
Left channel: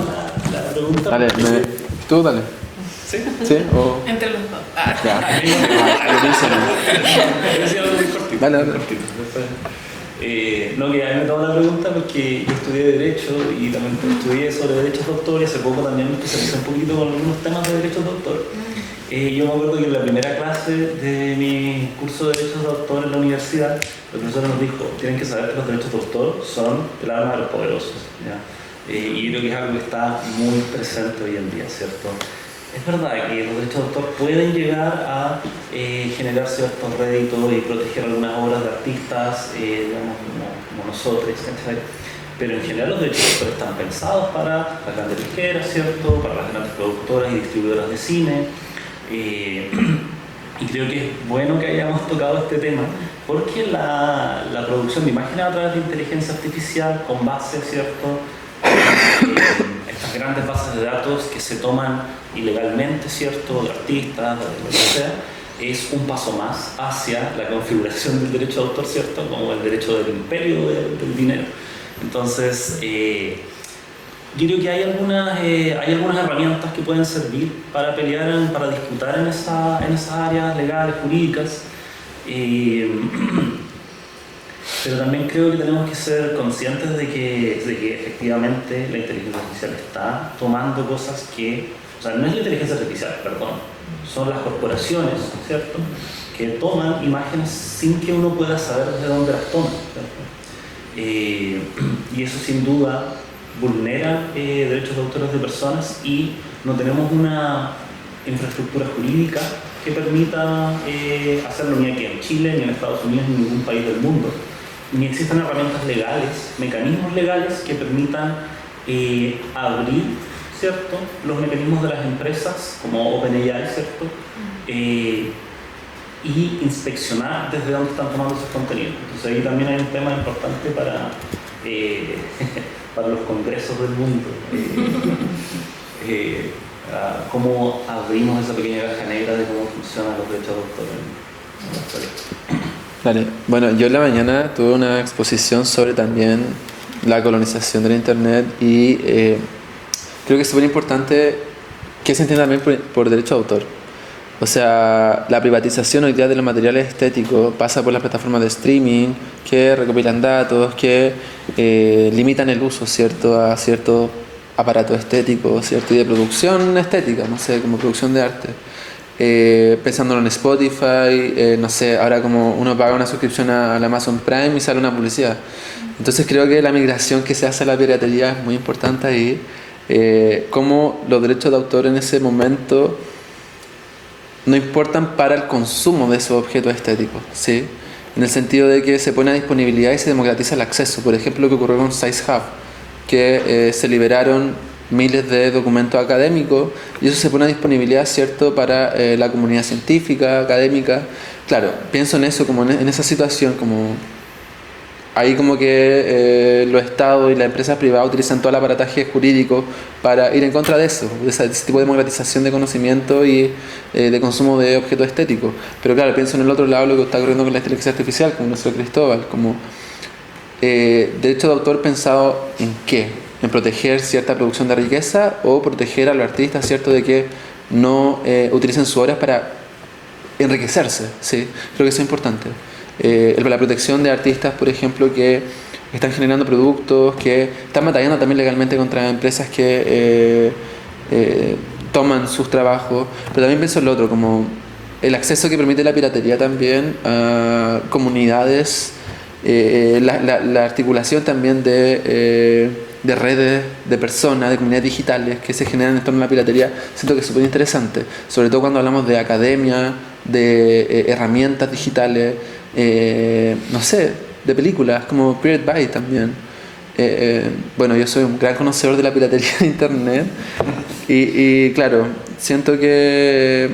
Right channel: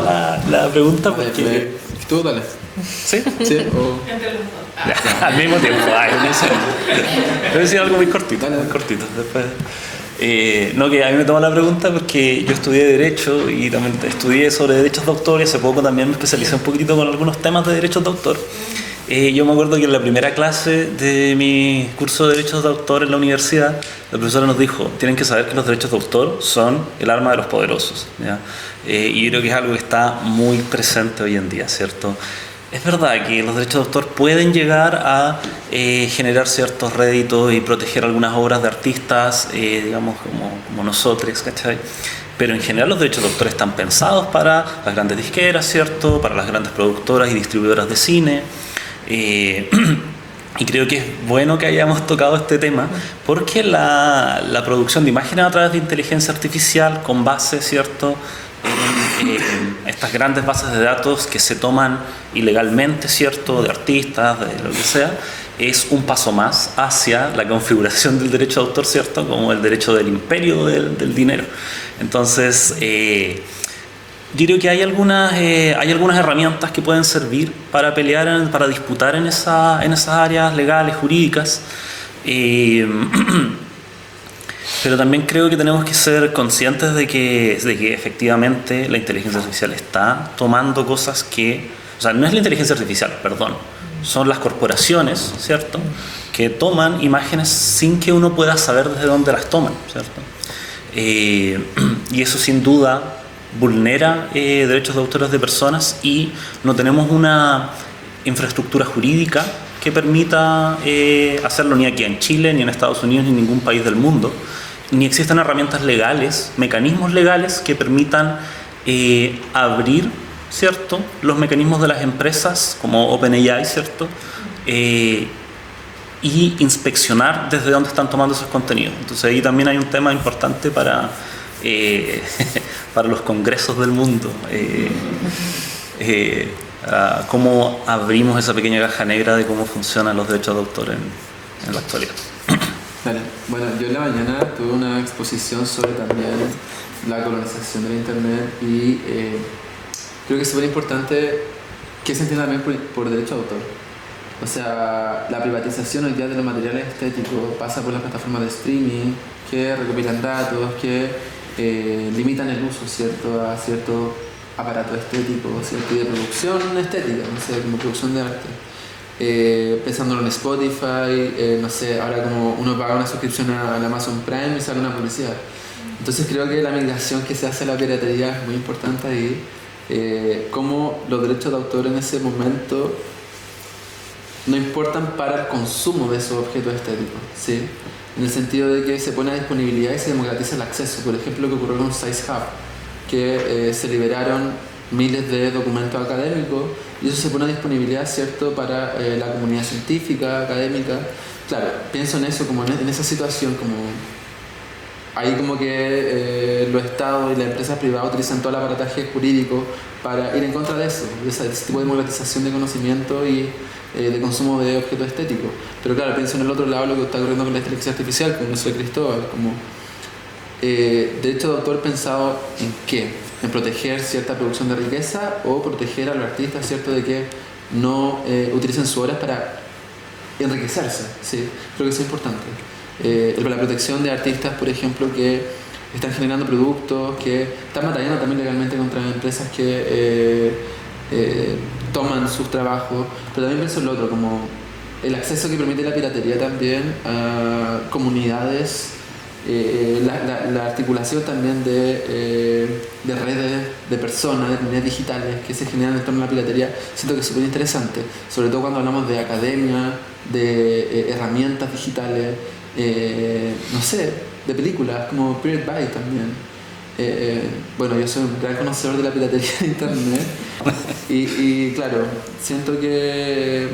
la pregunta. Dale, porque... tú dale. ¿Sí? Sí. O... Entre los dos. Ya, al mismo tiempo. Voy a decir algo muy cortito. Dale. Muy cortito. Después. No, que a mí me toma la pregunta porque yo estudié Derecho y también estudié sobre derechos de autor y hace poco también me especialicé un poquito con algunos temas de derechos de autor. Yo me acuerdo que en la primera clase de mi curso de derechos de autor en la universidad, la profesora nos dijo, tienen que saber que los derechos de autor son el arma de los poderosos, ¿ya? Y creo que es algo que está muy presente hoy en día, ¿cierto? Es verdad que los derechos de autor pueden llegar a generar ciertos réditos y proteger algunas obras de artistas, digamos, como nosotros, ¿cachai? Pero en general los derechos de autor están pensados para las grandes disqueras, ¿cierto? Para las grandes productoras y distribuidoras de cine. Y creo que es bueno que hayamos tocado este tema porque la producción de imágenes a través de inteligencia artificial con base, ¿cierto?, en estas grandes bases de datos que se toman ilegalmente, ¿cierto?, de artistas, de lo que sea, es un paso más hacia la configuración del derecho de autor, ¿cierto?, como el derecho del imperio del dinero. Entonces, yo creo que hay algunas herramientas que pueden servir para pelear, para disputar en esas áreas legales, jurídicas. Pero también creo que tenemos que ser conscientes de que efectivamente la inteligencia artificial está tomando cosas que... O sea, no es la inteligencia artificial, perdón. Son las corporaciones, ¿cierto?, que toman imágenes sin que uno pueda saber desde dónde las toman, ¿cierto? Y eso sin duda vulnera derechos de autores de personas y no tenemos una infraestructura jurídica que permita hacerlo ni aquí en Chile, ni en Estados Unidos, ni en ningún país del mundo. Ni existen herramientas legales, mecanismos legales que permitan abrir, ¿cierto?, los mecanismos de las empresas como OpenAI, ¿cierto?, y inspeccionar desde dónde están tomando esos contenidos. Entonces ahí también hay un tema importante para los congresos del mundo. Cómo abrimos esa pequeña caja negra de cómo funcionan los derechos de autor en la actualidad. Vale. Bueno, yo en la mañana tuve una exposición sobre también la colonización del internet y creo que es súper importante que se entienda también por derecho de autor. O sea, la privatización hoy día de los materiales estéticos pasa por las plataformas de streaming que recopilan datos, que limitan el uso, ¿cierto?, a cierto aparato estético, ¿cierto?, y de producción estética, no sé, como producción de arte. Pensándolo en Spotify, no sé, ahora como uno paga una suscripción al Amazon Prime y sale una publicidad. Entonces creo que la migración que se hace a la piratería es muy importante ahí, cómo los derechos de autor en ese momento no importan para el consumo de esos objetos estéticos, ¿sí? En el sentido de que se pone a disponibilidad y se democratiza el acceso. Por ejemplo, lo que ocurrió con SciHub, que se liberaron miles de documentos académicos y eso se pone a disponibilidad, ¿cierto?, para la comunidad científica, académica. Claro, pienso en eso, como en esa situación, como ahí como que los estados y las empresas privadas utilizan todo el aparataje jurídico para ir en contra de eso, de ese tipo de democratización de conocimiento y de consumo de objetos estéticos. Pero claro, pienso en el otro lado lo que está ocurriendo con la inteligencia artificial, como eso de Cristóbal, como derecho de autor pensado en qué, en proteger cierta producción de riqueza o proteger a los artistas, ¿cierto?, de que no utilicen sus obras para enriquecerse, ¿sí? Creo que eso es importante. La protección de artistas, por ejemplo, que están generando productos, que están batallando también legalmente contra empresas que toman sus trabajos, pero también pienso en lo otro, como el acceso que permite la piratería también a comunidades, la articulación también de redes de personas, de comunidades digitales que se generan en torno a la piratería, siento que es súper interesante, sobre todo cuando hablamos de academia, de herramientas digitales, no sé, de películas como Pirate Bay también. Bueno, yo soy un gran conocedor de la piratería de internet y claro, siento que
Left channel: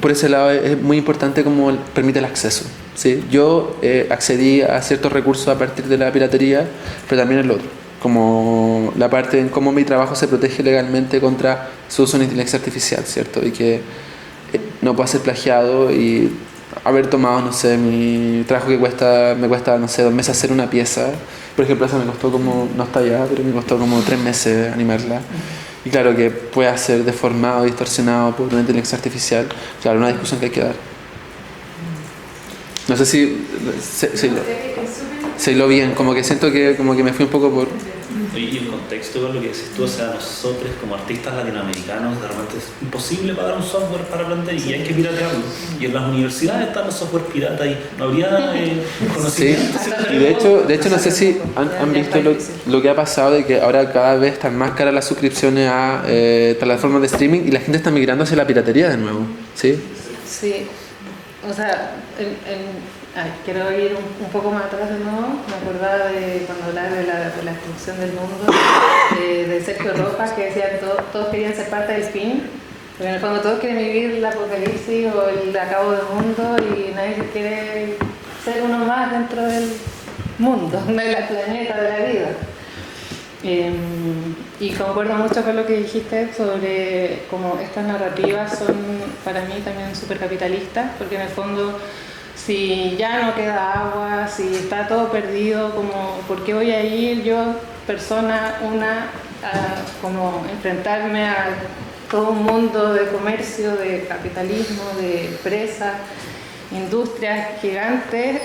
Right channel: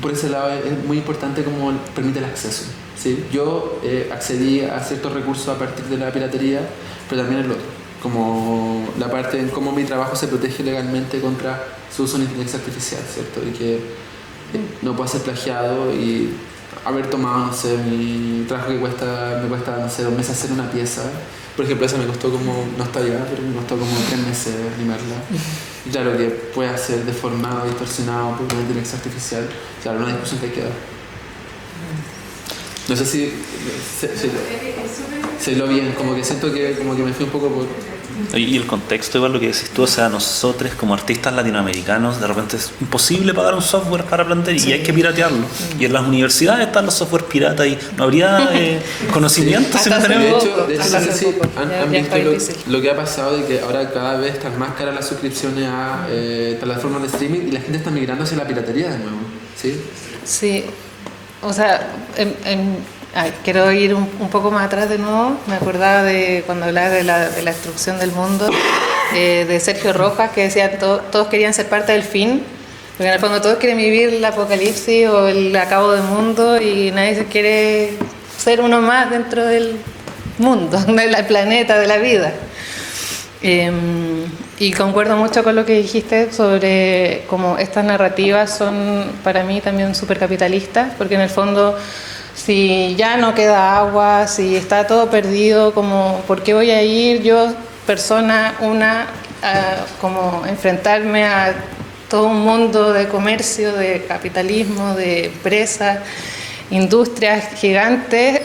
por ese lado es muy importante cómo permite el acceso, ¿sí? Yo accedí a ciertos recursos a partir de la piratería, pero también el otro, como la parte en cómo mi trabajo se protege legalmente contra su uso en inteligencia artificial, ¿cierto? Y que no pueda ser plagiado y haber tomado, no sé, mi trabajo que me cuesta, no sé, 2 meses hacer una pieza. Por ejemplo, esa me costó como, no está allá, pero me costó como 3 meses animarla. Y claro que puede ser deformado, distorsionado por una inteligencia artificial. Claro, una discusión que hay que dar. No sé si lo bien, como que siento que como que me fui un poco por... Y el contexto, igual lo que decís tú, o sea, nosotros como artistas latinoamericanos, de repente es imposible pagar un software para plantear y hay que piratearlo. Y en las universidades están los software piratas y no habría conocimiento si no tenemos... De hecho, no sé si han visto lo que ha pasado de que ahora cada vez están más caras las suscripciones a plataformas de streaming y la gente está migrando hacia la piratería de nuevo, ¿sí? Sí, o sea, quiero ir un poco más atrás de nuevo. Me acordaba de cuando hablaba de la destrucción del mundo, de Sergio Rojas, que decía todos querían ser parte del fin, porque en el fondo todos quieren vivir el apocalipsis o el acabo del mundo y nadie se quiere ser uno más dentro del mundo, del planeta, de la vida. Y concuerdo mucho con lo que dijiste sobre cómo estas narrativas son para mí también súper capitalistas, porque en el fondo si ya no queda agua, si está todo perdido, como ¿por qué voy a ir yo, persona, a como enfrentarme a todo un mundo de comercio, de capitalismo, de empresas, industrias gigantes,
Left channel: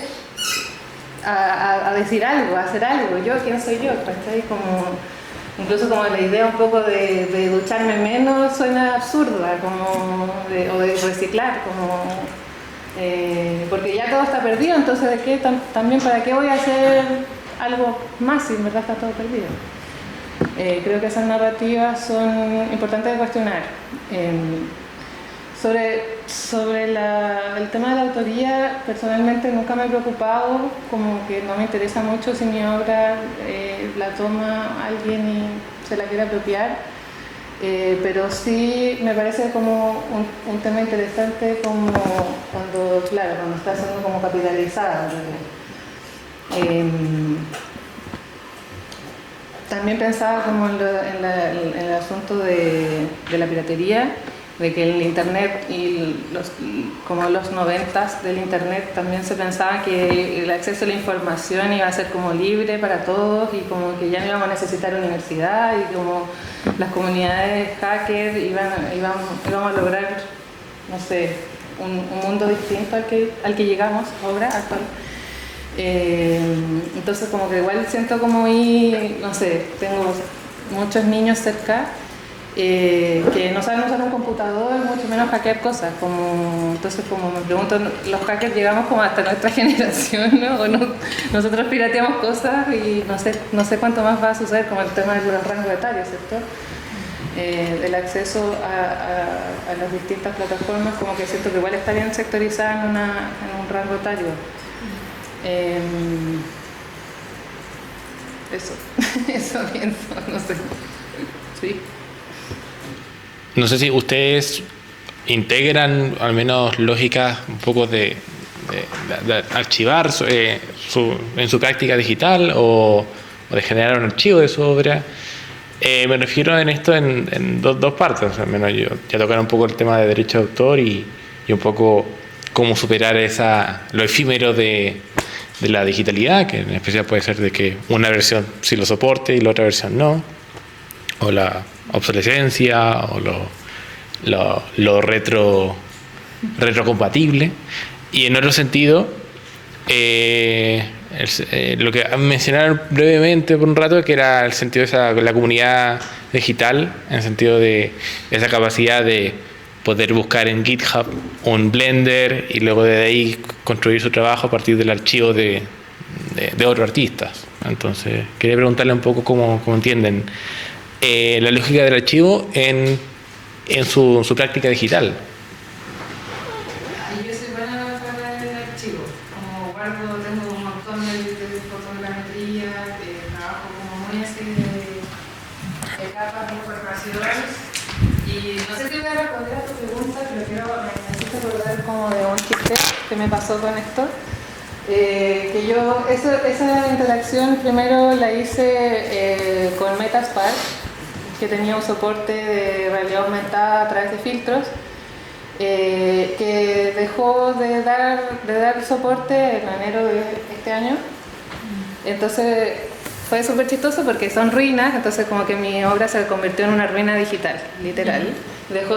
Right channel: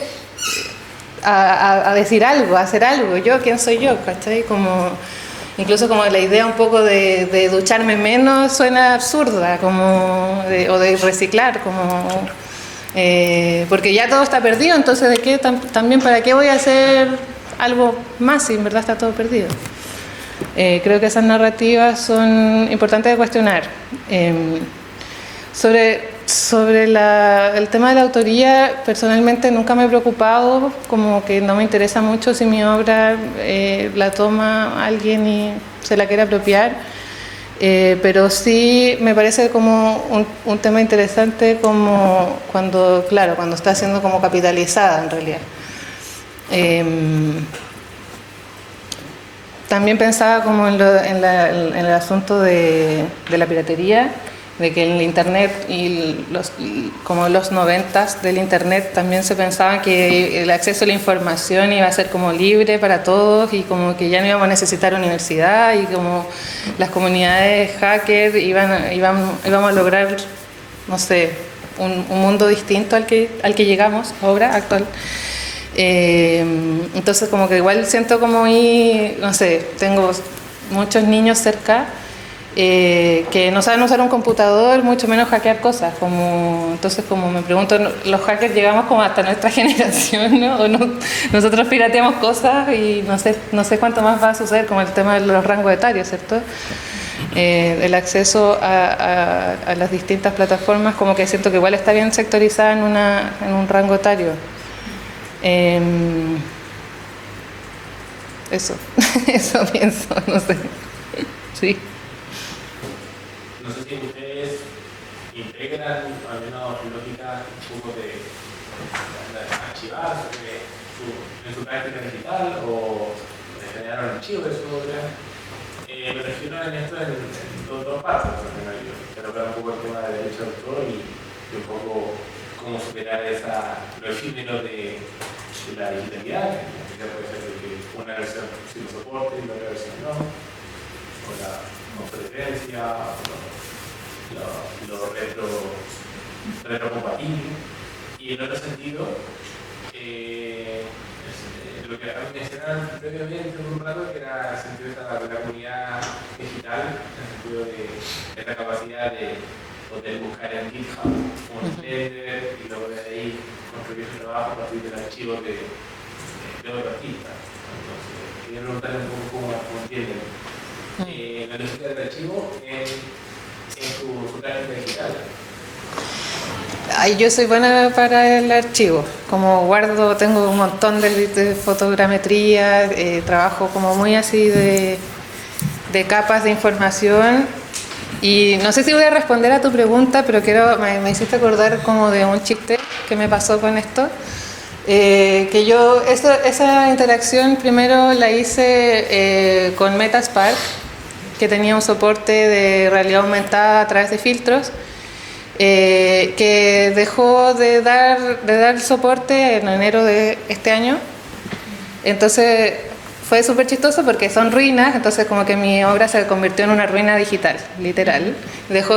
a decir algo, a hacer algo? ¿Yo quién soy yo? ¿Cachai? Incluso como la idea un poco de ducharme menos suena absurda, o de reciclar, porque ya todo está perdido, entonces ¿de qué también para qué voy a hacer algo más si en verdad está todo perdido? Creo que esas narrativas son importantes de cuestionar. Sobre el tema de la autoría, personalmente nunca me he preocupado, como que no me interesa mucho si mi obra la toma alguien y se la quiere apropiar, pero sí me parece como un tema interesante como cuando está siendo como capitalizada en realidad. También pensaba como en el asunto de la piratería, de que en el internet como los 90s del internet también se pensaba que el acceso a la información iba a ser como libre para todos y como que ya no íbamos a necesitar universidad y como las comunidades hackers íbamos a lograr, no sé, un mundo distinto al que llegamos ahora, actual. Entonces como que igual siento como no sé, tengo muchos niños cerca que no saben usar un computador, mucho menos hackear cosas. Entonces, como me pregunto, los hackers llegamos como hasta nuestra generación, ¿no? Nosotros pirateamos cosas y no sé cuánto más va a suceder, como el tema de los rangos etarios, ¿cierto? El acceso a las distintas plataformas, como que siento que igual está bien sectorizada en un rango etario. Eso pienso, no sé. Sí. No sé si ustedes integran al menos lógicas un poco de archivar en su práctica digital o de generar un archivo de su obra. Me refiero en esto en dos partes. Al menos yo ya tocar un poco el tema de derecho de autor y un poco cómo superar lo efímero de la digitalidad, que en especial puede ser de que una versión sí lo soporte y la otra versión no, o la obsolescencia o lo retrocompatible. Y en otro sentido, lo que mencionaron brevemente por un rato, que era el sentido de la comunidad digital, en el sentido de esa capacidad de poder buscar en GitHub un Blender y luego de ahí construir su trabajo a partir del archivo de otros artistas. Entonces, quería preguntarle un poco cómo entienden la lógica del archivo en su práctica digital. Yo soy buena para el archivo, tengo un montón de fotogrametría, trabajo como muy así de capas de información. Y no sé si voy a responder a tu pregunta, pero me hiciste acordar como de un chiste que me pasó con esto. Que yo esa interacción primero la hice con Metaspark, que tenía un soporte de realidad aumentada a través de filtros, que dejó de dar soporte en enero de este año. Entonces fue súper chistoso porque son ruinas, entonces como que mi obra se convirtió en una ruina digital, literal. Dejó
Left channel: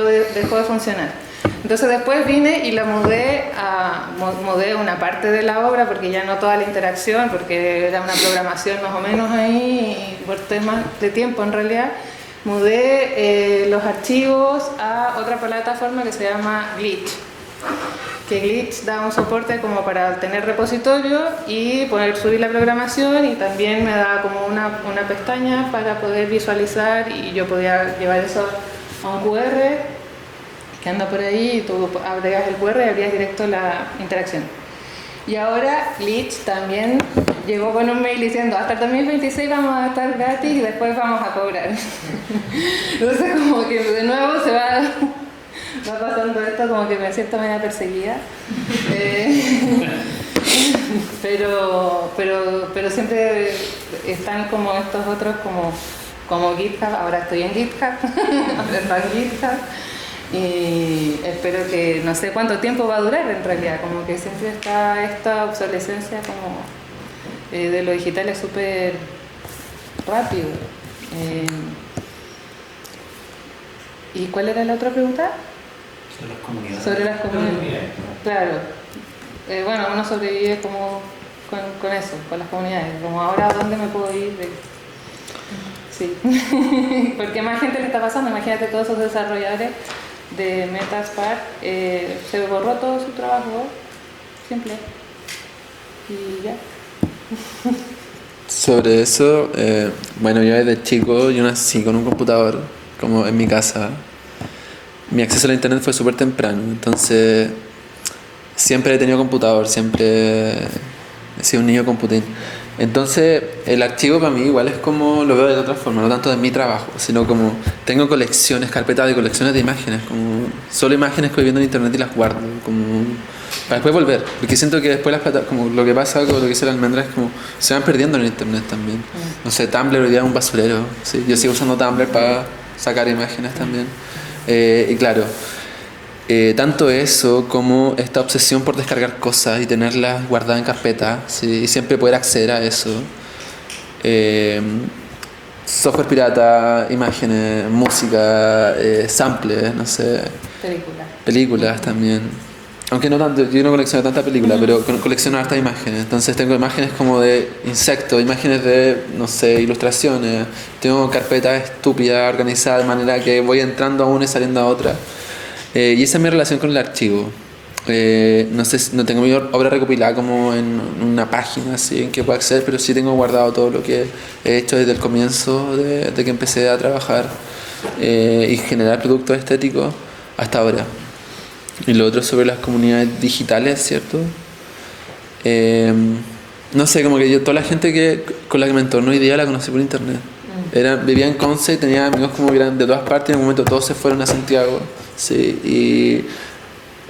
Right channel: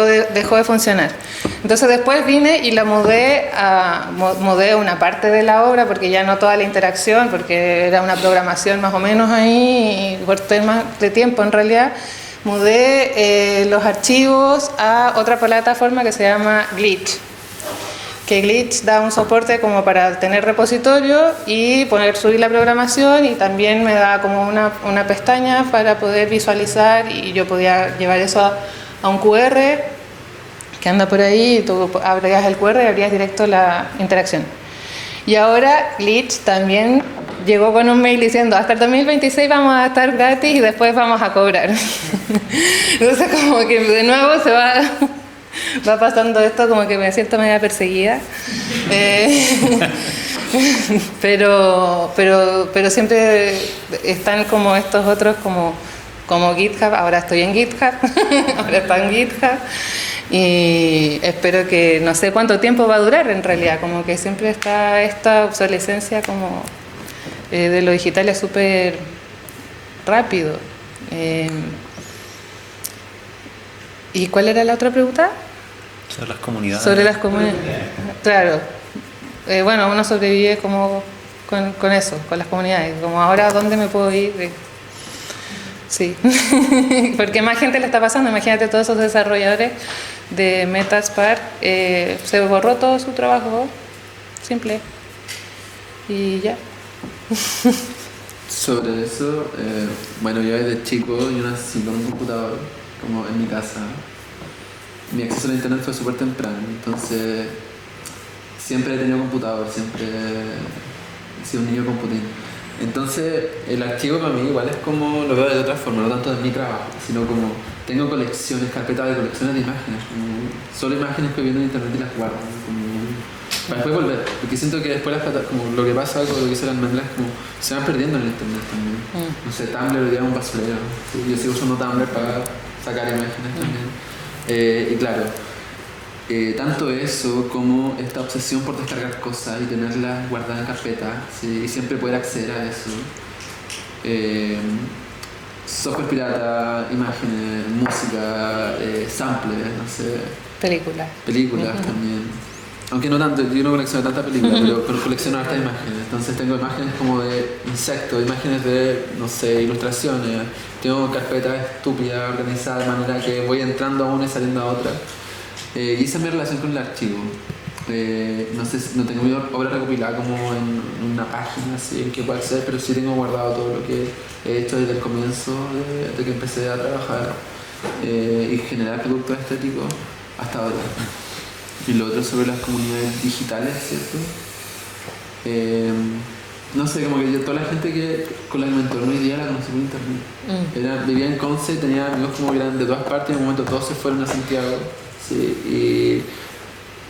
de funcionar. Entonces después vine y la mudé una parte de la obra porque ya no toda la interacción, porque era una programación más o menos ahí y por temas de tiempo en realidad. Mudé los archivos a otra plataforma que se llama Glitch. Que Glitch da un soporte como para tener repositorio y subir la programación, y también me da como una pestaña para poder visualizar, y yo podía llevar eso a un QR que anda por ahí, y tú abrías el QR y abrías directo la interacción. Y ahora Glitch también llegó con un mail diciendo hasta el 2026 vamos a estar gratis y después vamos a cobrar. Entonces como que de nuevo va pasando esto, como que me siento media perseguida. Pero siempre están como estos otros como GitHub. Ahora estoy en GitHub, ahora está en GitHub. Y espero que no sé cuánto tiempo va a durar en realidad, como que siempre está esta obsolescencia como de lo digital, es súper rápido. ¿Y cuál era la otra pregunta? Sobre las comunidades. Sobre las comunidades. Claro. Bueno, uno sobrevive como con eso, con las comunidades. Como ahora, ¿dónde me puedo ir? Sí. Porque más gente le está pasando. Imagínate todos esos desarrolladores de Metaspark. Se borró todo su trabajo. Simple. Y ya. Sobre eso, bueno, yo desde chico yo nací con un computador, como en mi casa. Mi acceso a la internet fue súper temprano, entonces siempre he tenido computador, siempre he sido un niño computín. Entonces el archivo para mí igual es como, lo veo de otra forma, no tanto de mi trabajo, sino como tengo colecciones, carpetas de colecciones de imágenes, como solo imágenes que voy viendo en internet y las guardo, como para después volver, porque siento que después como lo que pasa con lo que dice la almendra es como se van perdiendo en el internet también. No sé, Tumblr hoy día es un basurero, ¿sí? Yo sigo usando Tumblr para sacar imágenes también. Y claro, tanto eso como esta obsesión por descargar cosas y tenerlas guardadas en carpeta, ¿sí? Y siempre poder acceder a eso. Software pirata, imágenes, música, samples, no sé. Películas también. Aunque no tanto, yo no colecciono tantas películas, pero colecciono hartas imágenes. Entonces tengo imágenes como de insectos, imágenes de, no sé, ilustraciones. Tengo carpetas estúpidas organizadas de manera que voy entrando a una y saliendo a otra. Y esa es mi relación con el archivo. No sé, no tengo mi obra recopilada como en una página así en que pueda acceder, pero sí tengo guardado todo lo que he hecho desde el comienzo de que empecé a trabajar y generar productos estéticos hasta ahora. Y lo otro sobre las comunidades digitales, ¿cierto? No sé, como que yo, toda la gente con la que me entorno hoy día la conocí por internet. Vivía en Conce, tenía amigos como que eran de todas partes, en un momento todos se fueron a Santiago. Sí, y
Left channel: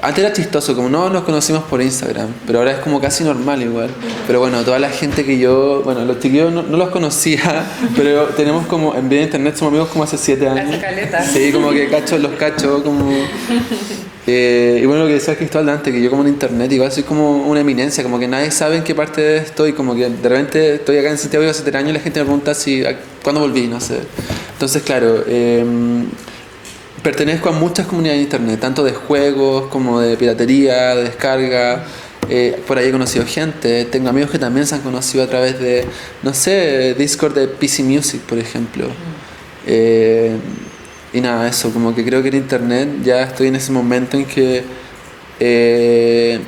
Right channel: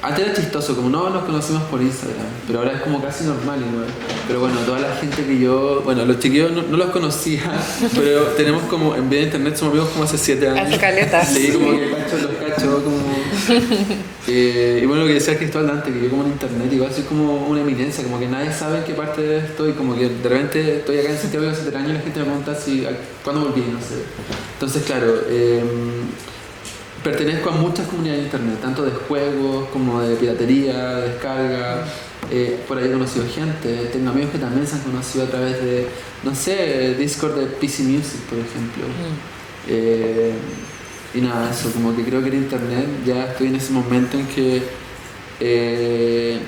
antes era chistoso, como no nos conocimos por Instagram, pero ahora es como casi normal igual. Pero bueno, toda la gente que yo, bueno, los chiquillos no los conocía, pero tenemos como, en vida de internet somos amigos como hace 7 años. Hace caleta. Sí, como que los cacho, como... y bueno, lo que decía Cristóbal antes, que yo como en internet igual soy como una eminencia, como que nadie sabe en qué parte estoy, como que de repente estoy acá en Santiago hace 7 años y la gente me pregunta cuándo volví, no sé. Entonces, claro, pertenezco a muchas comunidades de internet, tanto de juegos como de piratería, de descarga. Por ahí he conocido gente, tengo amigos que también se han conocido a través de, no sé, Discord de PC Music, por ejemplo. Y nada, eso, como que creo que en internet ya estoy en ese momento en que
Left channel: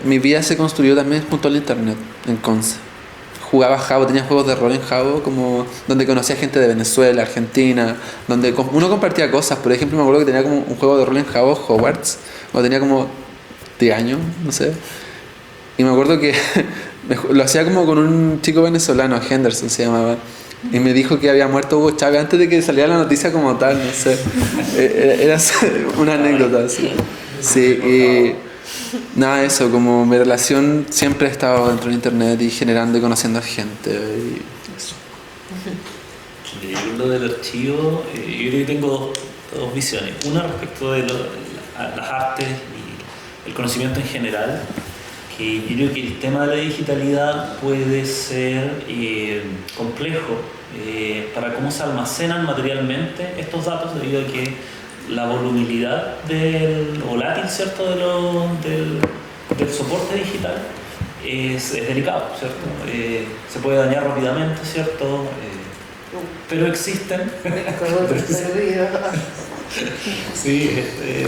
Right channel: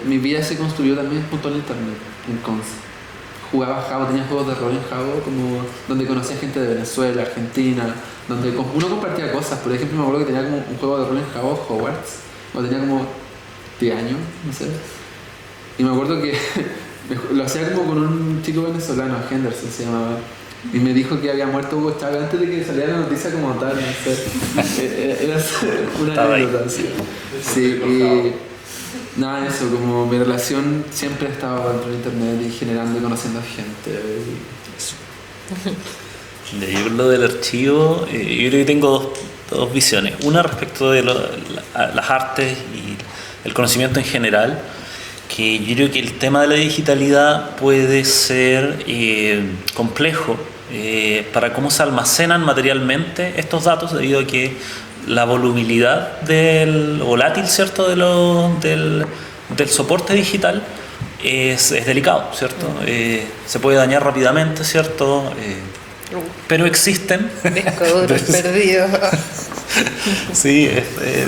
mi vida se construyó también junto al internet, en Conce. Jugaba Jabo, tenía juegos de rol en Jabo, como donde conocía gente de Venezuela, Argentina, donde uno compartía cosas. Por ejemplo, me acuerdo que tenía como un juego de rol en Jabo, Hogwarts, cuando tenía como 10 años, no sé. Y me acuerdo que lo hacía como con un chico venezolano, Henderson se llamaba. Y me dijo que había muerto Hugo Chávez antes de que saliera la noticia como tal, no sé. Era una anécdota, así. Sí, y nada, eso, como mi relación siempre ha estado dentro de internet y generando y conociendo a gente. Y eso. Yo lo del archivo, yo creo que tengo dos visiones. Una respecto de las artes y el conocimiento en general, que yo creo que el tema de la digitalidad puede ser complejo para cómo se almacenan materialmente estos datos, debido a que la volubilidad volátil, ¿cierto?, del soporte digital es delicado, ¿cierto? Se puede dañar rápidamente, ¿cierto? Pero existen. Discos perdidos. Sí,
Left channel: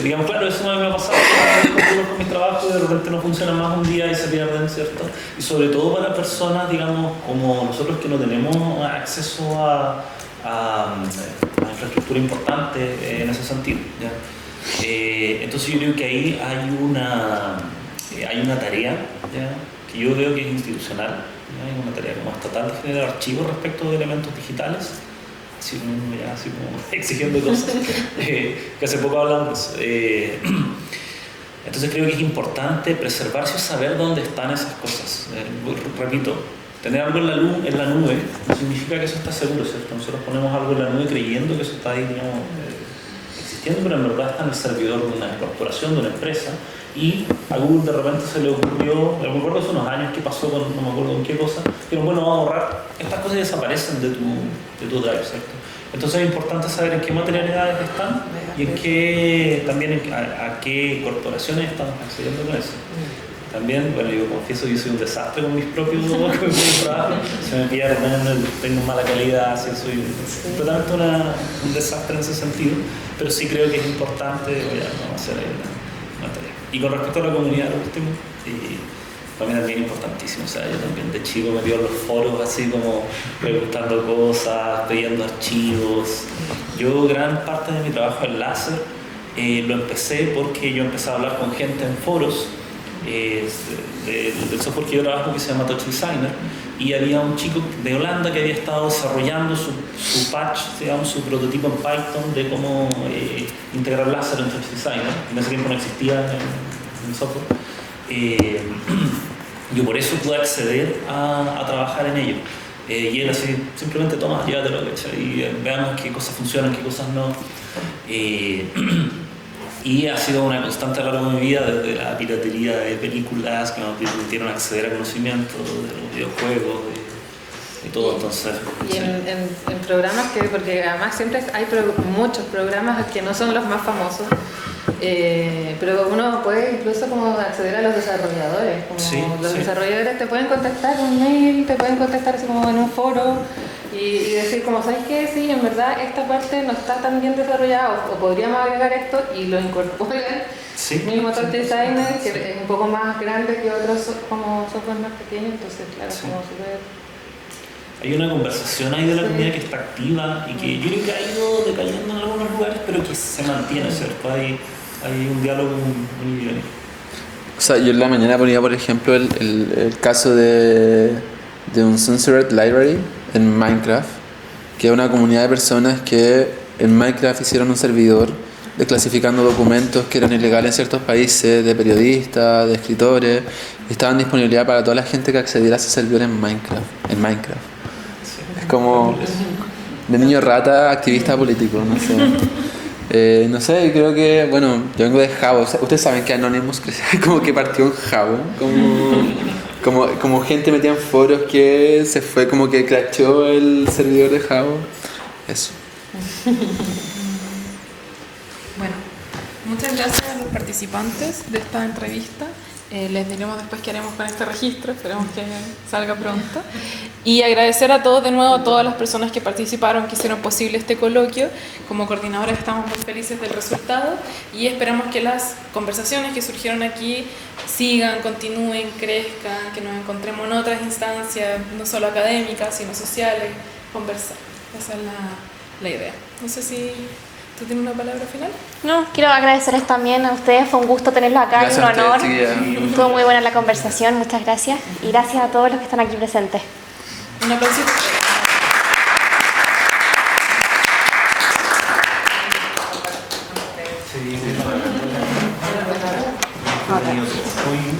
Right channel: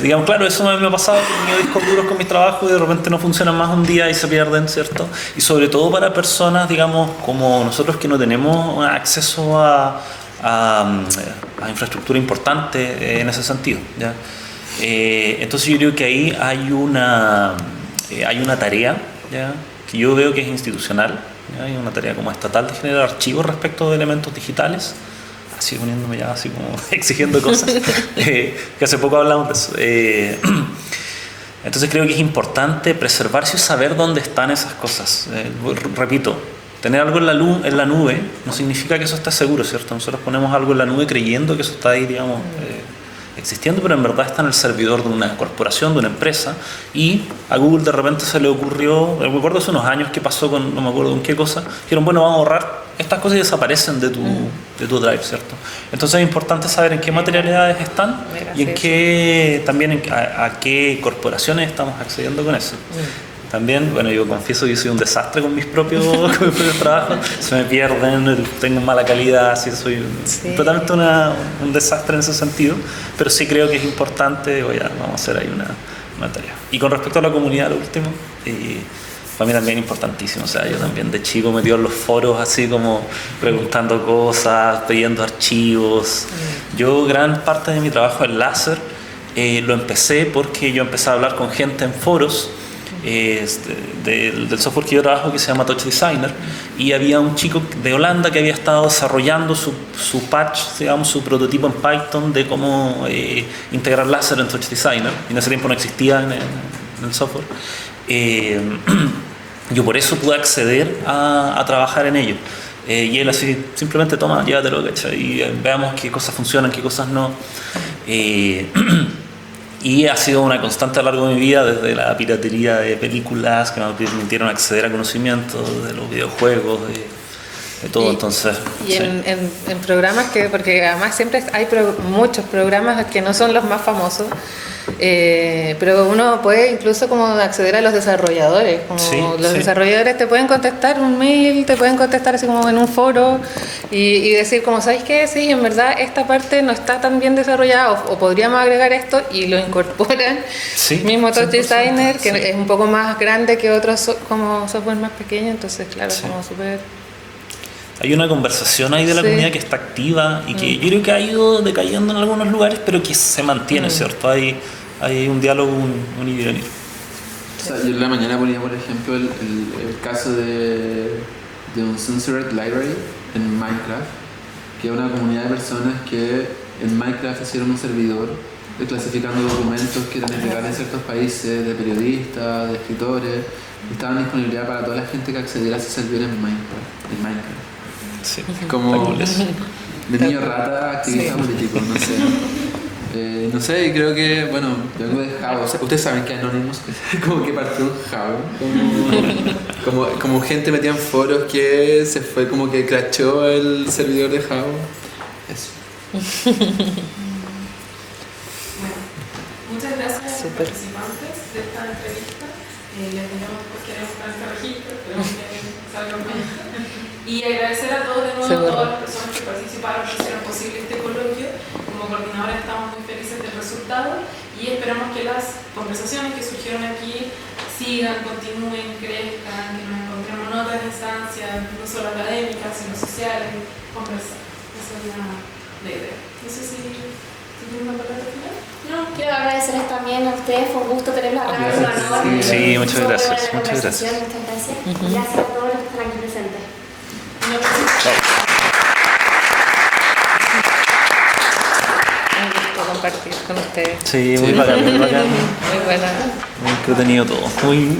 digamos, claro, eso me ha pasado con mis discos duros, con mis trabajos, y de repente no funcionan más un día y se pierden, ¿cierto? Y sobre todo para personas, digamos, como nosotros, que no tenemos acceso a infraestructura importante en ese sentido, ¿ya? Entonces yo creo que ahí hay una tarea, ¿ya?, que yo veo que es institucional, ¿ya? Hay una tarea como estatal de generar archivos respecto de elementos digitales, así poniéndome ya así como exigiendo cosas, que hace poco hablamos de eso. Entonces creo que es importante preservarse y saber dónde están esas cosas. Repito, tener algo en la nube no significa que eso está seguro, ¿cierto? Nosotros ponemos algo en la nube creyendo que eso está ahí, digamos, existiendo, pero en verdad está en el servidor de una corporación, de una empresa, y a Google de repente se le ocurrió, me acuerdo hace unos años que pasó con, no me acuerdo con qué cosa, dijeron, bueno, vamos a borrar estas cosas y desaparecen de tu drive, ¿cierto? Entonces es importante saber en qué materialidades están y en qué, también a qué corporaciones estamos accediendo con eso. También, bueno, yo confieso que yo soy un desastre con mis propios trabajos, se me pierden, tengo mala calidad, así soy totalmente un desastre en ese sentido, pero sí creo que es importante, vamos a hacer ahí una tarea. Y con respecto a la comunidad, lo último, para mí también es importantísimo, o sea, yo también de chico metido en los foros así como preguntando cosas, pidiendo archivos. Yo gran parte de mi trabajo en láser lo empecé porque yo empecé a hablar con gente en foros del software que yo trabajo, que se llama Touch Designer, y había un chico de Holanda que había estado desarrollando su patch, digamos, su prototipo en Python de cómo integrar láser en Touch Designer, y en ese tiempo no existía en el software. Yo por eso pude acceder a trabajar en ello. Y él así, simplemente toma, llévatelo, ¿cachai? Y veamos qué cosas funcionan, qué cosas no. Y ha sido una constante a lo largo de mi vida, desde la piratería de películas que me permitieron acceder a conocimiento, de los videojuegos, de todo. Entonces, y sí. en programas porque además siempre hay muchos programas que no son los más famosos, pero uno puede incluso como acceder a los desarrolladores, como los desarrolladores te pueden contestar un mail, te pueden contestar así como en un foro y decir como, ¿sabes qué? Sí, en verdad esta parte no está tan bien desarrollada o podríamos agregar esto, y lo incorporan. Mismo Touch Designer, que es un poco más grande que otros como software más pequeños, entonces claro, como súper... Hay una conversación ahí de la comunidad que está activa y que yo creo que ha ido decayendo en algunos lugares, pero que se mantiene, ¿cierto? Hay un diálogo, un ir y venir. O sea, yo en la mañana ponía, por ejemplo, el caso de un Censored Library en Minecraft, que es una comunidad de personas que en Minecraft hicieron un servidor desclasificando documentos que eran ilegales en ciertos países, de periodistas, de escritores, y estaban en disponibilidad para toda la gente que accediera a ese servidor en Minecraft. Sí, es como mi niño rata, activista político, no sé. No sé, creo que, bueno, yo vengo de Java. O sea, ustedes saben que Anonymous como que partió en Java, como gente metida en foros que se fue, como que crashó el servidor de Java. Eso. Bueno, muchas gracias a los participantes de esta entrevista. Les diremos después qué haremos con este registro, esperemos que salga pronto. Y agradecer a todos de nuevo, a todas las personas que participaron, que hicieron posible este coloquio. Como coordinadores estamos muy felices del resultado y esperamos que las conversaciones que surgieron aquí sigan, continúen, crezcan, que nos encontremos en otras instancias, no solo académicas, sino sociales, conversar. Esa es la idea. No sé si... ¿Tú tienes una palabra final? No, quiero agradecerles también a ustedes, fue un gusto tenerlos acá, es un honor. Sí, muchas Fue gracias. muy buena la conversación, muchas gracias. Y gracias a todos los que están aquí presentes. Un aplauso. Un gusto compartir con ustedes. Sí, muy bacán, muy bacán. Muy buena. Muy entretenido todo. Muy